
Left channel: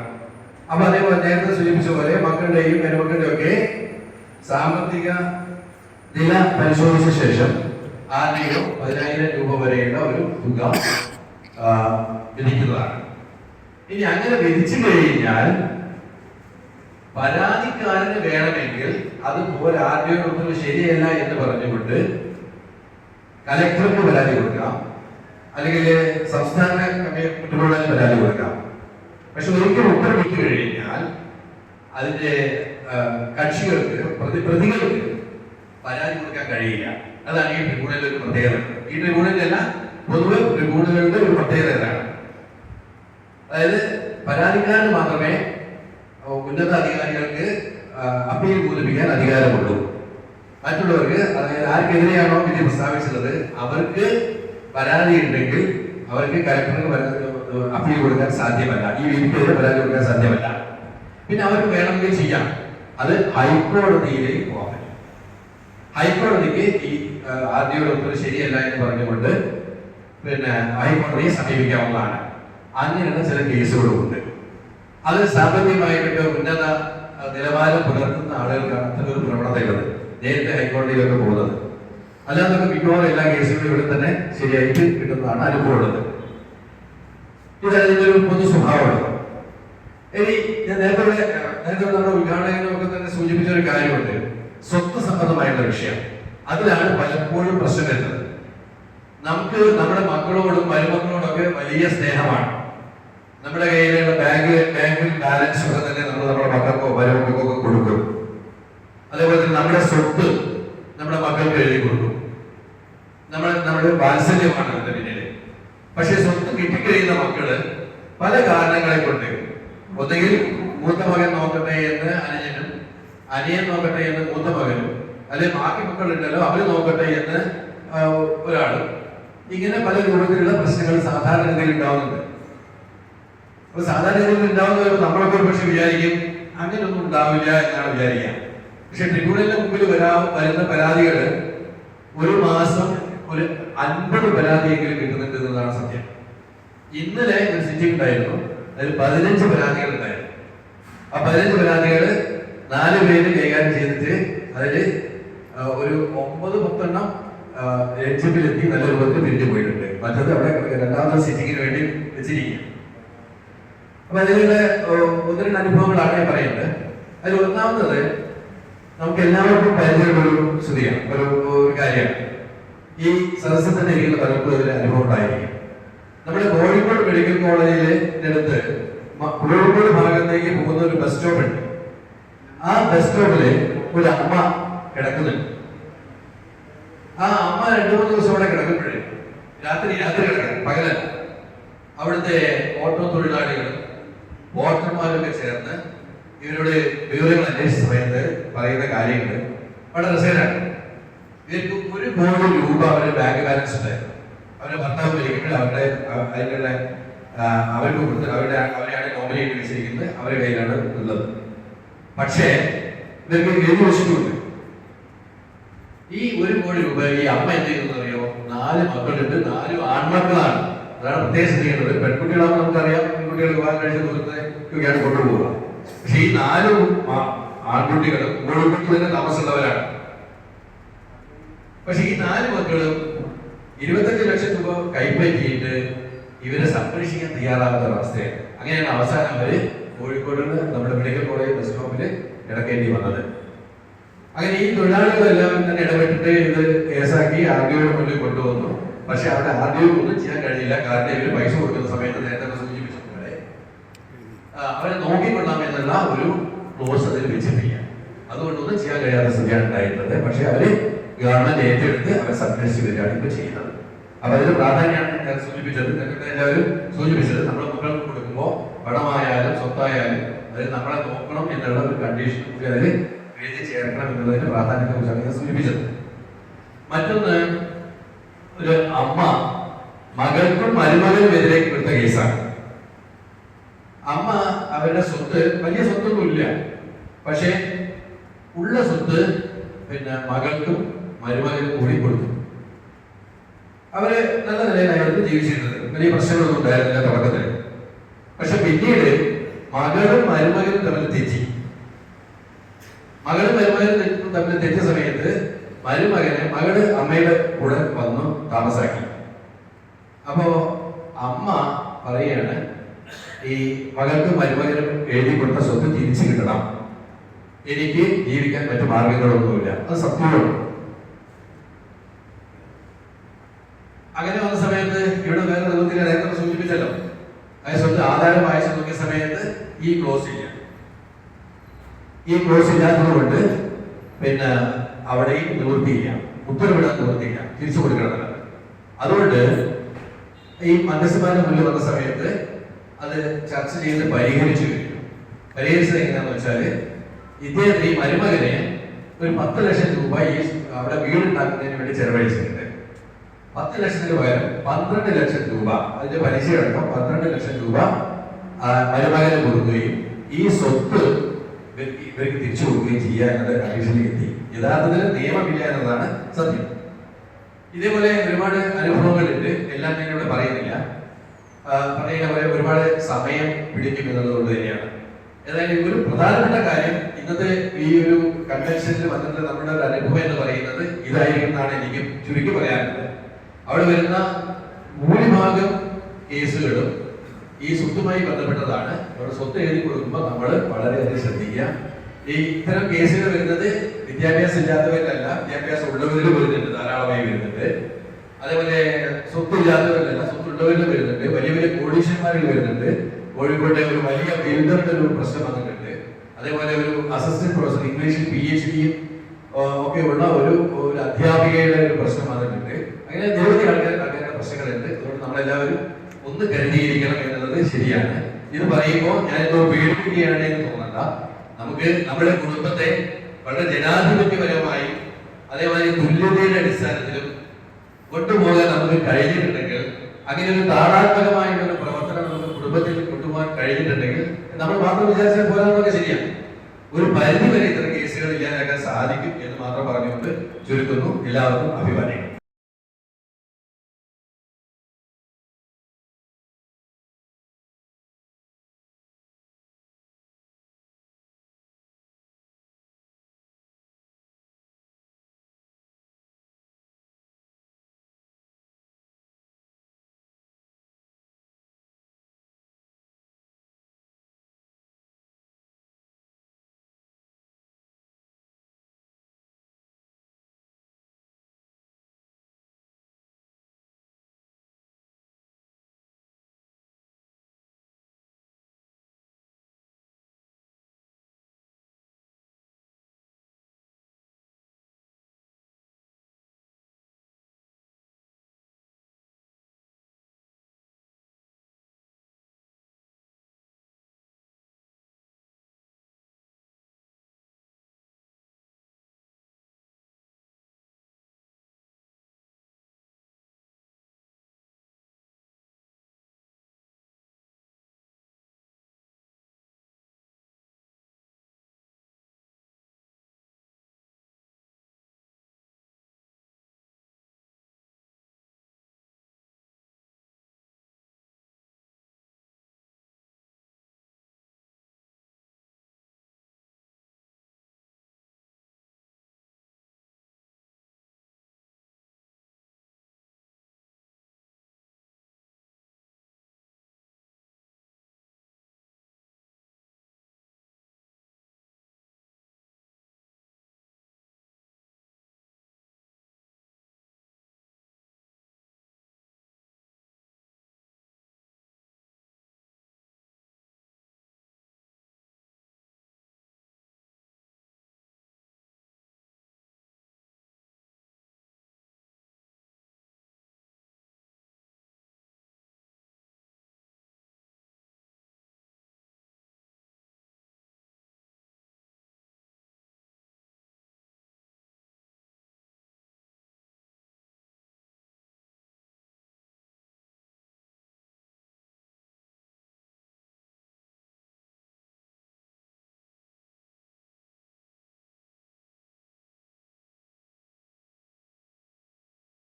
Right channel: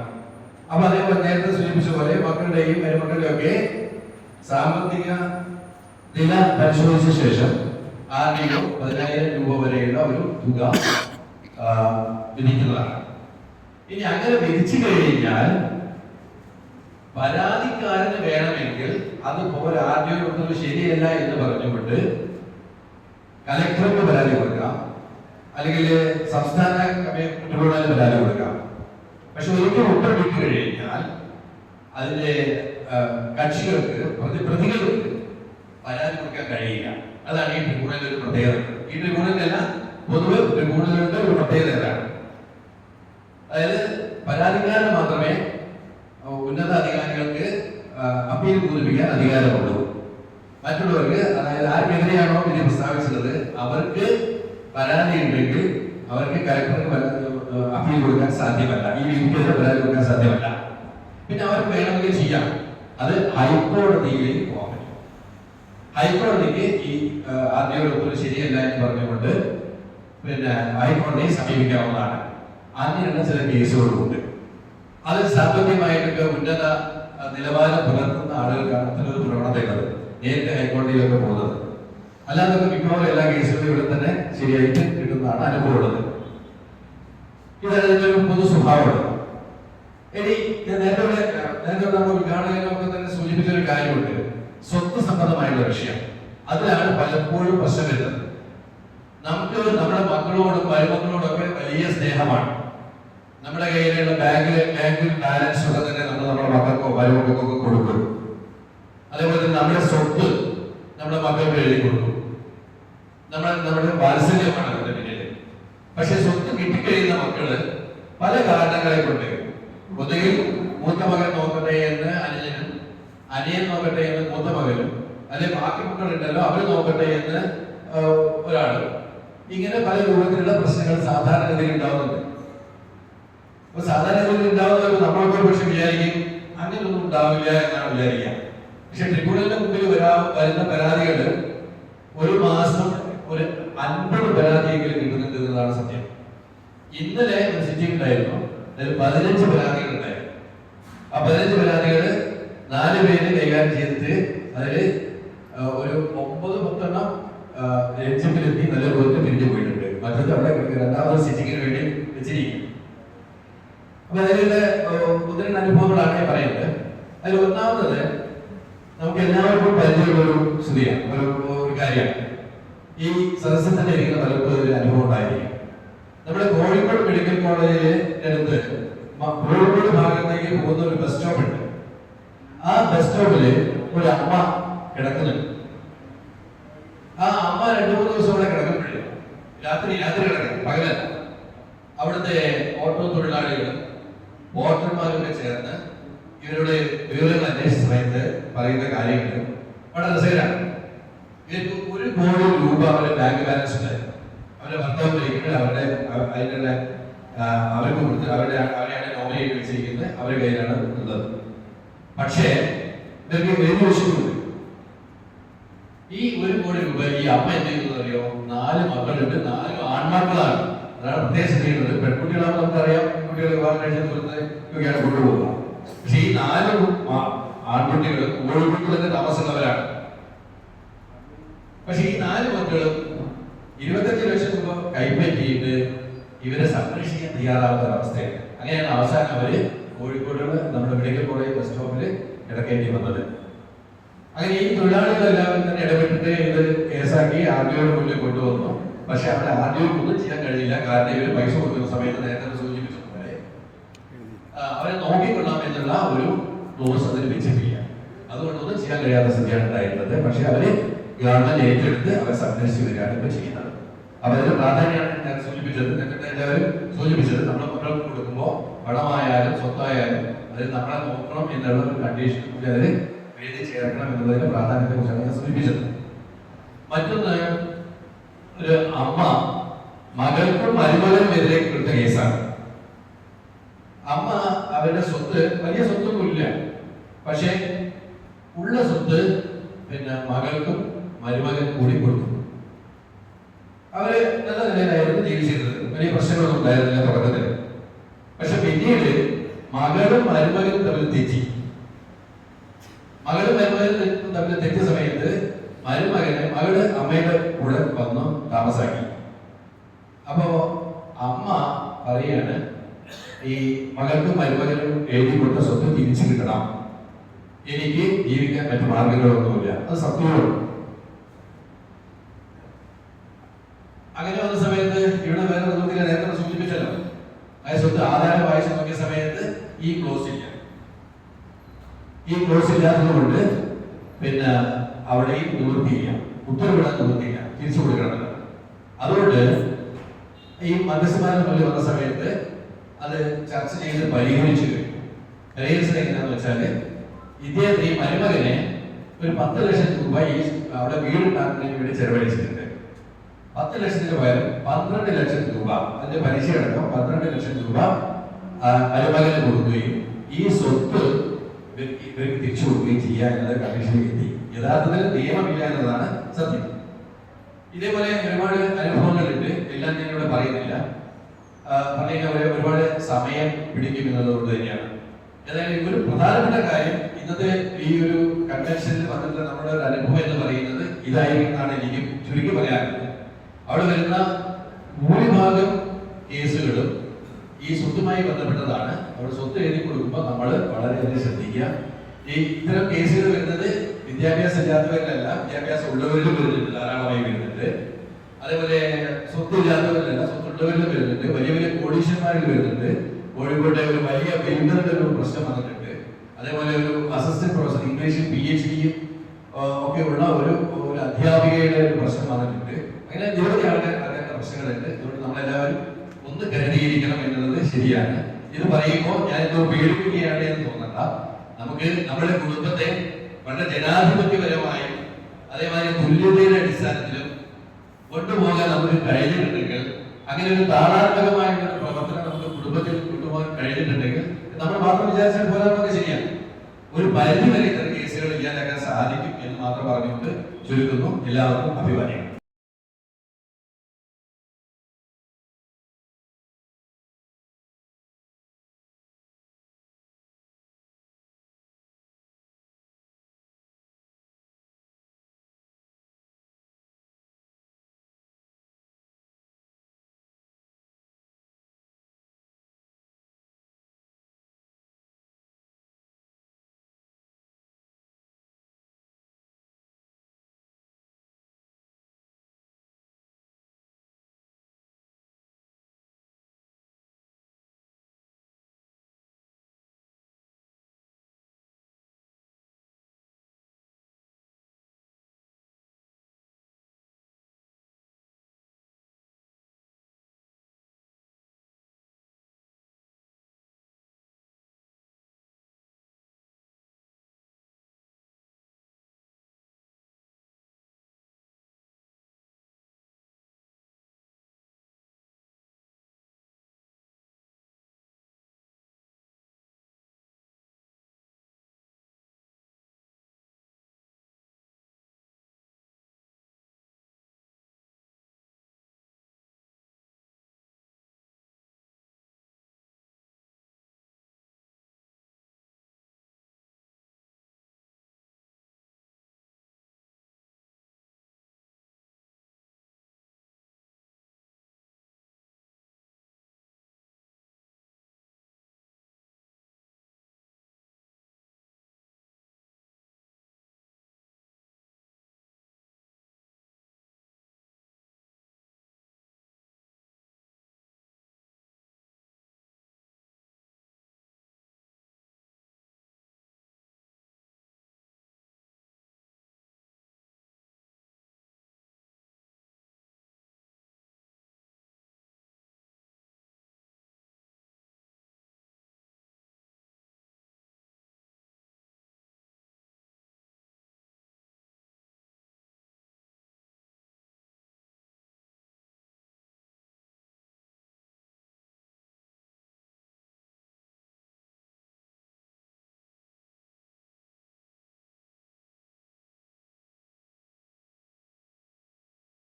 അപ്പൊ അതേപോലെ നേരത്തെ സൂചിപ്പിച്ച പോലെ മക്കളുടെയും മരുമക്കളുടെയും ഒക്കെ സാമ്പത്തിക നില പരിശോധിച്ച ശേഷം ആരുടെയും 10,000 രൂപ വരെയുള്ള ഒരു തുക വിധിക്കുന്നതാണ്. ഇനി അങ്ങനെ വിധിച്ചു കഴിഞ്ഞാൽ പരാതിക്കാരന് വേണമെങ്കിൽ അത് പോലെ ആരുടെയും ശരിയല്ല എന്ന് പറഞ്ഞുകൊണ്ട് കലക്ടർക്ക് പരാതി കൊടുക്കാം, അല്ലെങ്കിൽ സംസ്ഥാന ട്രിബ്യൂണലിൽ പരാതി കൊടുക്കാം. പക്ഷെ ഒരിക്കലും ഉത്തരവിട്ട് കഴിഞ്ഞാൽ അതിന്റെ കക്ഷികൾക്ക്, പ്രതികൾക്ക് പരാതി കൊടുക്കാൻ കഴിയില്ല. അതാണ് ഈ ട്രിബ്യൂണലിന്റെ ഒരു പ്രത്യേകത. ഈ ട്രിബ്യൂണലിലല്ല, പൊതുവെ ട്രിബ്യൂണലുകളുടെ ഒരു പ്രത്യേകത ഇതാണ്. അതായത് പരാതിക്കാരന് മാത്രമേ ഉന്നത അധികാരികൾക്ക് അപ്പീൽ പൂരിപ്പിക്കാൻ അധികാരമുള്ളൂ. മറ്റുള്ളവർക്ക്, അതായത് ആർക്കെതിരെയാണോ വിധി പ്രസ്താവിച്ചത് അവർക്ക് പരാതി ഉണ്ടെങ്കിൽ അവർക്ക് കലക്ടർക്ക് അപ്പീൽ കൊടുക്കാൻ സാധ്യമല്ല, ഈ വിധിക്കെതിരെ പരാതി കൊടുക്കാൻ സാധ്യമല്ല. പിന്നെ അവർക്ക് വേണമെങ്കിൽ ചെയ്യാം, അത് ഹൈക്കോടതിയിലേക്ക് പോകാം. ഹൈക്കോടതിക്ക് ഈ ആദ്യയുടെ ഉത്തരവ് ശരിയല്ല എന്ന് പറഞ്ഞുകൊണ്ട് പിന്നെ ഹൈക്കോടതിയെ സമീപിക്കാവുന്നതാണ്. അങ്ങനെയുള്ള ചില കേസുകളുണ്ട്. അത് സാമ്പത്തികമായിട്ടൊക്കെ ഉന്നത നിലവാരം പുലർത്തുന്ന ആളുകൾക്കാണ് അത്തരൊരു പ്രവണതയുള്ളത്, നേരത്തെ ഹൈക്കോടതിയിലൊക്കെ പോകുന്നത്. അല്ലാതൊക്കെ മിക്കവാറും എല്ലാ കേസുകളും ഇവിടെ തന്നെ ശരിയായിട്ട് കിട്ടുന്നതാണ് അനുഭവമുള്ളത്. ഇത് അതിന്റെ ഒരു പൊതു സ്വഭാവമാണ്. ഇനി ഞാൻ നേരത്തെ നമ്മുടെ ഉദ്ഘാടകനൊക്കെ തന്നെ സൂചിപ്പിച്ച ഒരു കാര്യമുണ്ട്, സ്വത്ത് സംബന്ധമായുള്ള വിഷയം. അതിലാണ് പലപ്പോഴും പ്രശ്നം വരുന്നത്. നമുക്ക് നമ്മുടെ മക്കളോടും മരുമക്കളോടൊക്കെ വലിയ സ്നേഹമാണ്. നമ്മുടെ കയ്യിലുള്ള ബാങ്കിൽ ബാലൻസ് ഒക്കെ തന്നെ നമ്മൾ നമ്മുടെ മക്കൾക്കോ മരുമക്കൾക്കോ ഒക്കെ കൊടുക്കും. അതേപോലെ തന്നെ നമ്മുടെ സ്വത്ത് നമ്മുടെ മക്കൾക്ക് എഴുതി കൊടുക്കും. നമ്മുടെ വാത്സല്യമാണ് അതിന്റെ പിന്നില്. പക്ഷെ സ്വത്ത് കിട്ടിക്കഴിയുന്ന മക്കള് പല കാരണങ്ങളെ കൊണ്ട്, ഒന്നെങ്കിൽ മൂത്ത മകൻ നോക്കട്ടെ എന്ന് അനുജനും, അനിയൻ നോക്കട്ടെ എന്ന് മൂത്ത മകനും, അല്ലെങ്കിൽ ബാക്കി മക്കളുണ്ടല്ലോ അവര് നോക്കട്ടെ എന്ന് ഒരാളും, ഇങ്ങനെ പല രൂപത്തിലുള്ള പ്രശ്നങ്ങൾ സാധാരണഗതിയിൽ ഉണ്ടാവുന്നുണ്ട്. അപ്പൊ സാധാരണഗതിയിൽ ഉണ്ടാവുന്നവർ നമ്മളൊക്കെ പക്ഷെ വിചാരിക്കും അങ്ങനെയൊന്നും ഉണ്ടാവില്ല എന്നാണ് വിചാരിക്കുക. പക്ഷെ ട്രിബ്യൂണലിന്റെ മുമ്പിൽ വരുന്ന പരാതികൾ ഒരു മാസം ഒരു 50 പരാതിയെങ്കിലും കിട്ടുന്നുണ്ട് എന്നതാണ് സത്യം. ഇന്നലെ ഒരു സിറ്റിംഗ് ഉണ്ടായിരുന്നു, അതിൽ 15 പരാതികൾ ഉണ്ടായിരുന്നു. ആ 15 പരാതികൾ 4 പേര് കൈകാര്യം ചെയ്തിട്ട് അതിൽ ഒരു 9-10 ജഡ്ജിപ്പിലെത്തി നല്ല രൂപത്തിൽ പിരിഞ്ഞു പോയിട്ടുണ്ട്. മറ്റത് അവിടെ രണ്ടാമത്തെ സിറ്റിങ്ങിന് വേണ്ടി വെച്ചിരിക്കുക. അപ്പൊ അതിലുള്ള 1-2 അനുഭവങ്ങളാണ് ഞാൻ പറയുന്നത്. അതിൽ ഒന്നാമത്തത് നമുക്ക് എല്ലാവർക്കും പരിചയമുള്ളൊരു സ്തുതിയാണ്, ഒരു കാര്യമാണ്. ഈ സദസ്സിൽ തന്നെ ഇരിക്കുന്ന പലർക്കും ഇതിന് അനുഭവം ഉണ്ടായിരിക്കും. നമ്മുടെ കോഴിക്കോട് മെഡിക്കൽ കോളേജിനടുത്ത് കോഴിക്കോട് ഭാഗത്തേക്ക് പോകുന്ന ഒരു ബസ് സ്റ്റോപ്പ് ഉണ്ട്. ആ ബസ് സ്റ്റോപ്പില് ഒരു അമ്മ കിടക്കുന്നുണ്ട്. ആ അമ്മ 2-3 ദിവസം അവിടെ കിടക്കുമ്പോഴേ രാത്രി കിടക്കാൻ പകലല്ല, അവിടുത്തെ ഓട്ടോ തൊഴിലാളികളും വോട്ടർമാരൊക്കെ ചേർന്ന് ഇവരുടെ വിവരങ്ങൾ അന്വേഷിച്ച സമയത്ത് പറയുന്ന കാര്യങ്ങൾ വളരെ രസകരമാണ്. ഇവർക്ക് 1 കോടി രൂപ അവരുടെ ബാങ്ക് ബാലൻസ് ഉണ്ടായിരുന്നു. അവരുടെ ഭർത്താവ് മരിക്കുമ്പോൾ അതിനുള്ള അവർക്ക് കൊടുത്ത് അവരെയാണ് നോമിനേറ്റ് വെച്ചിരിക്കുന്നത്, അവരുടെ കയ്യിലാണ് ഉള്ളത്. പക്ഷേ ഇവർക്ക് 7 വർഷമുണ്ട്. ഈ 1 കോടി രൂപ ഈ അമ്മ എന്ത് ചെയ്യുന്നത് അറിയോ? 4 മക്കളുണ്ട്, 4 ആൺമക്കളാണ്. അതാണ് പ്രത്യേകം ചെയ്യുന്നത്. പെൺകുട്ടികളാണെന്ന് നമുക്കറിയാം, പെൺകുട്ടികൾ വിവാഹം കഴിച്ച ദൂരത്തേക്കാണ് കൊണ്ടുപോകുക. പക്ഷെ ഈ 4 ആൺകുട്ടികളും കോഴിക്കോട്ട് തന്നെ താമസമുള്ളവരാണ്. പക്ഷെ ഈ 4 മക്കളും 25 ലക്ഷം രൂപ കൈപ്പറ്റിയിട്ട് ഇവരെ സംരക്ഷിക്കാൻ തയ്യാറാകാത്ത അവസ്ഥയാണ്. അങ്ങനെയാണ് അവസാനം അവര് കോഴിക്കോട് നമ്മുടെ മെഡിക്കൽ കോളേജ് ബസ് സ്റ്റോപ്പിൽ കിടക്കേണ്ടി വന്നത്. അങ്ങനെ ഈ തൊഴിലാളികളെല്ലാവരും തന്നെ ഇടപെട്ടിട്ട് ഇത് കേസാക്കി ആർഡിഒയുടെ മുന്നിൽ കൊണ്ടുവന്നു. പക്ഷെ അവിടെ ആർഡിഒക്ക് ഒന്നും ചെയ്യാൻ കഴിഞ്ഞില്ല. കാരണം ഇവർ പൈസ കൊടുക്കുന്ന സമയത്ത് നേരത്തെ സൂചിപ്പിച്ചതുപോലെ അവരെ നോക്കിക്കൊള്ളാം എന്നുള്ള ഒരു ക്ലോസ് അതിൽ വെച്ചിട്ടില്ല. അതുകൊണ്ടൊന്നും ചെയ്യാൻ കഴിയാത്ത സ്ഥിതിയാണ് ഉണ്ടായിരുന്നത്. പക്ഷെ അവര് ഗവൺമെന്റ് ഏറ്റെടുത്ത് അവരെ സംരക്ഷിച്ചു വരികയാണ് ഇപ്പൊ ചെയ്യുന്നത്. അപ്പൊ അതിന് പ്രാധാന്യമാണ് ഞാൻ സൂചിപ്പിച്ചത്. നേരത്തെ എല്ലാവരും സൂചിപ്പിച്ചത് നമ്മുടെ മക്കൾക്ക് കൊടുക്കുമ്പോൾ പണമായാലും സ്വത്തായാലും അതിൽ നമ്മളെ നോക്കണം എന്നുള്ള ഒരു കണ്ടീഷൻ കൂടി അതിൽ എഴുതി ചേർക്കണം എന്നുള്ളതിന്റെ പ്രാധാന്യത്തെ കുറിച്ചാണ് ഞാൻ സൂചിപ്പിച്ചത്. മറ്റൊന്ന്, ഒരു അമ്മ മകൾക്കും മരുമകനും എതിരെ കൊടുത്ത കേസാണ്. അമ്മ അവരുടെ സ്വത്ത്, വലിയ സ്വത്തൊന്നുമില്ല, പക്ഷെ ഉള്ള സ്വത്ത് മകൾക്കും മരുമകനും കൂടി കൊടുത്തു. അവര് നല്ല നിലയിലായിരുന്നു ജീവിച്ചിരുന്നത്, വലിയ പ്രശ്നങ്ങളൊന്നും ഉണ്ടായിരുന്നില്ല തുടക്കത്തിൽ. പക്ഷെ പിന്നീട് മകളും മരുമകനും തമ്മിൽ തെറ്റി. മകളും മരുമകനും തമ്മിൽ തെറ്റിയ സമയത്ത് മകള് അമ്മയുടെ കൂടെ വന്ന് താമസാക്കി. അപ്പോ അമ്മ പറയാണ്, ഈ മകൾക്കും മരുമകനും എഴുതി കൊടുത്ത സ്വത്ത് തിരിച്ചു കിട്ടണം, എനിക്ക് ജീവിക്കാൻ മറ്റു മാർഗങ്ങളൊന്നുമില്ല. അത് സത്യമാണ്. അങ്ങനെ വന്ന സമയത്ത് ഇവിടെ വേറെ നിവൃത്തിയില്ല. നേരത്തെ സൂചിപ്പിച്ചല്ലോ, ആ സ്വത്ത് ആധാരം വായിച്ചു നോക്കിയ സമയത്ത് ഈ ക്ലോസ് ഇല്ല. ഈ ക്ലോസ് ഇല്ലാത്തതുകൊണ്ട് അവിടെയും നിവൃത്തിയില്ല, ഉത്തരവിടാൻ നിവൃത്തിയില്ല, തിരിച്ചു കൊടുക്കണം. അതുകൊണ്ട് ഈ മധ്യസ്ഥമാരുടെ മുന്നിൽ വന്ന സമയത്ത് അത് ചർച്ച ചെയ്ത് പരിഹരിച്ചു കഴിഞ്ഞു. പരിഹരിച്ചത് എങ്ങനെയാന്ന് വെച്ചാല്, ഇദ്ദേഹത്തിന് ഈ മരുമകനെ ഒരു 10 ലക്ഷം രൂപ ഈ അവിടെ വീടുണ്ടാക്കുന്നതിന് വേണ്ടി ചെലവഴിച്ചിട്ടുണ്ട്. 10 ലക്ഷത്തിന് പകരം 12 ലക്ഷം രൂപ, അതിന്റെ പലിശ അടക്കം 12 ലക്ഷം രൂപ മരുമകന് കൊടുക്കുകയും ഈ സ്വത്ത് ഇവർക്ക് തിരിച്ചു കൊടുക്കുകയും ചെയ്യുക എന്നുള്ള കണ്ടീഷനിൽ എത്തി. യഥാർത്ഥത്തിൽ നിയമമില്ല എന്നതാണ് സത്യം. ഇതേപോലെ ഒരുപാട് അനുഭവങ്ങളുണ്ട്, എല്ലാം ഞാൻ ഇവിടെ പറയുന്നില്ല. പറയുന്ന പോലെ ഒരുപാട് സമയം പിടിക്കും എന്നുള്ളത് തന്നെയാണ്. ഏതായാലും ഒരു പ്രധാനപ്പെട്ട കാര്യം, ഇന്നത്തെ ഈ ഒരു കൺവെൻഷനിൽ വന്നിട്ട് നമ്മുടെ ഒരു അനുഭവം എന്ന് പറയുന്നത് ഇതായിരിക്കും എന്നാണ് എനിക്ക് ചുരുക്കി പറയാനുള്ളത്. അവിടെ വരുന്ന ഭൂരിഭാഗം കേസുകളും ഈ സ്വത്തുമായി ബന്ധപ്പെട്ടതാണ്. അവിടെ സ്വത്ത് എഴുതി കൊടുക്കുമ്പോൾ നമ്മൾ വളരെയധികം ശ്രദ്ധിക്കുക. ഈ ഇത്തരം കേസുകൾ വരുന്നത് വിദ്യാഭ്യാസം ഇല്ലാത്തവരിലല്ല, വിദ്യാഭ്യാസം ഉള്ളവരിലും വരുന്നുണ്ട്, ധാരാളമായി വരുന്നുണ്ട്. അതേപോലെ സ്വത്തില്ലാത്തവരിലല്ല, സ്വത്തുള്ളവരിലും വരുന്നുണ്ട്. വലിയ വലിയ കോടീശ്വരന്മാരിൽ വരുന്നുണ്ട്. കോഴിക്കോട്ടെ ഒരു വലിയ ബിൽഡറുടെ ഒരു പ്രശ്നം വന്നിട്ടുണ്ട്. അതേപോലെ ഒരു അസിസ്റ്റന്റ് പ്രൊഫസർ, ഇംഗ്ലീഷിൽ PhD ഒക്കെ ഉള്ള ഒരു അധ്യാപികയുടെ ഒരു പ്രശ്നം വന്നിട്ടുണ്ട്. അങ്ങനെ നിരവധി ആൾക്കാരുടെ പ്രശ്നങ്ങളുണ്ട്. അതുകൊണ്ട് നമ്മളെല്ലാവരും ഒന്ന് കരുതിയിരിക്കണം എന്നുള്ളത് ശരിയാണ്. ഇത് പറയുമ്പോൾ ഞാനിപ്പോ പേടിപ്പിക്കുകയാണ് എന്ന് തോന്നണ്ട. നമുക്ക് നമ്മുടെ കുടുംബത്തെ വളരെ ജനാധിപത്യപരമായും അതേമാതിരി തുല്യതയുടെ അടിസ്ഥാനത്തിലും കൊണ്ടുപോകാൻ നമുക്ക് കഴിഞ്ഞിട്ടുണ്ടെങ്കിൽ, അങ്ങനെ ഒരു താളാത്മകമായിട്ടുള്ള പ്രവർത്തനം നമുക്ക് കുടുംബത്തിൽ കൊണ്ടുപോകാൻ കഴിഞ്ഞിട്ടുണ്ടെങ്കിൽ, നമ്മൾ മാത്രം വിചാരിച്ചാൽ പോരാന്നൊക്കെ ശരിയാണ്. ഒരു പരിധി വരെ ഇത്തരം കേസുകൾ ഇല്ലാതാക്കാൻ സാധിക്കും എന്ന് മാത്രം പറഞ്ഞുകൊണ്ട് ചുരുക്കുന്നു. എല്ലാവർക്കും അഭിവാദ്യങ്ങൾ.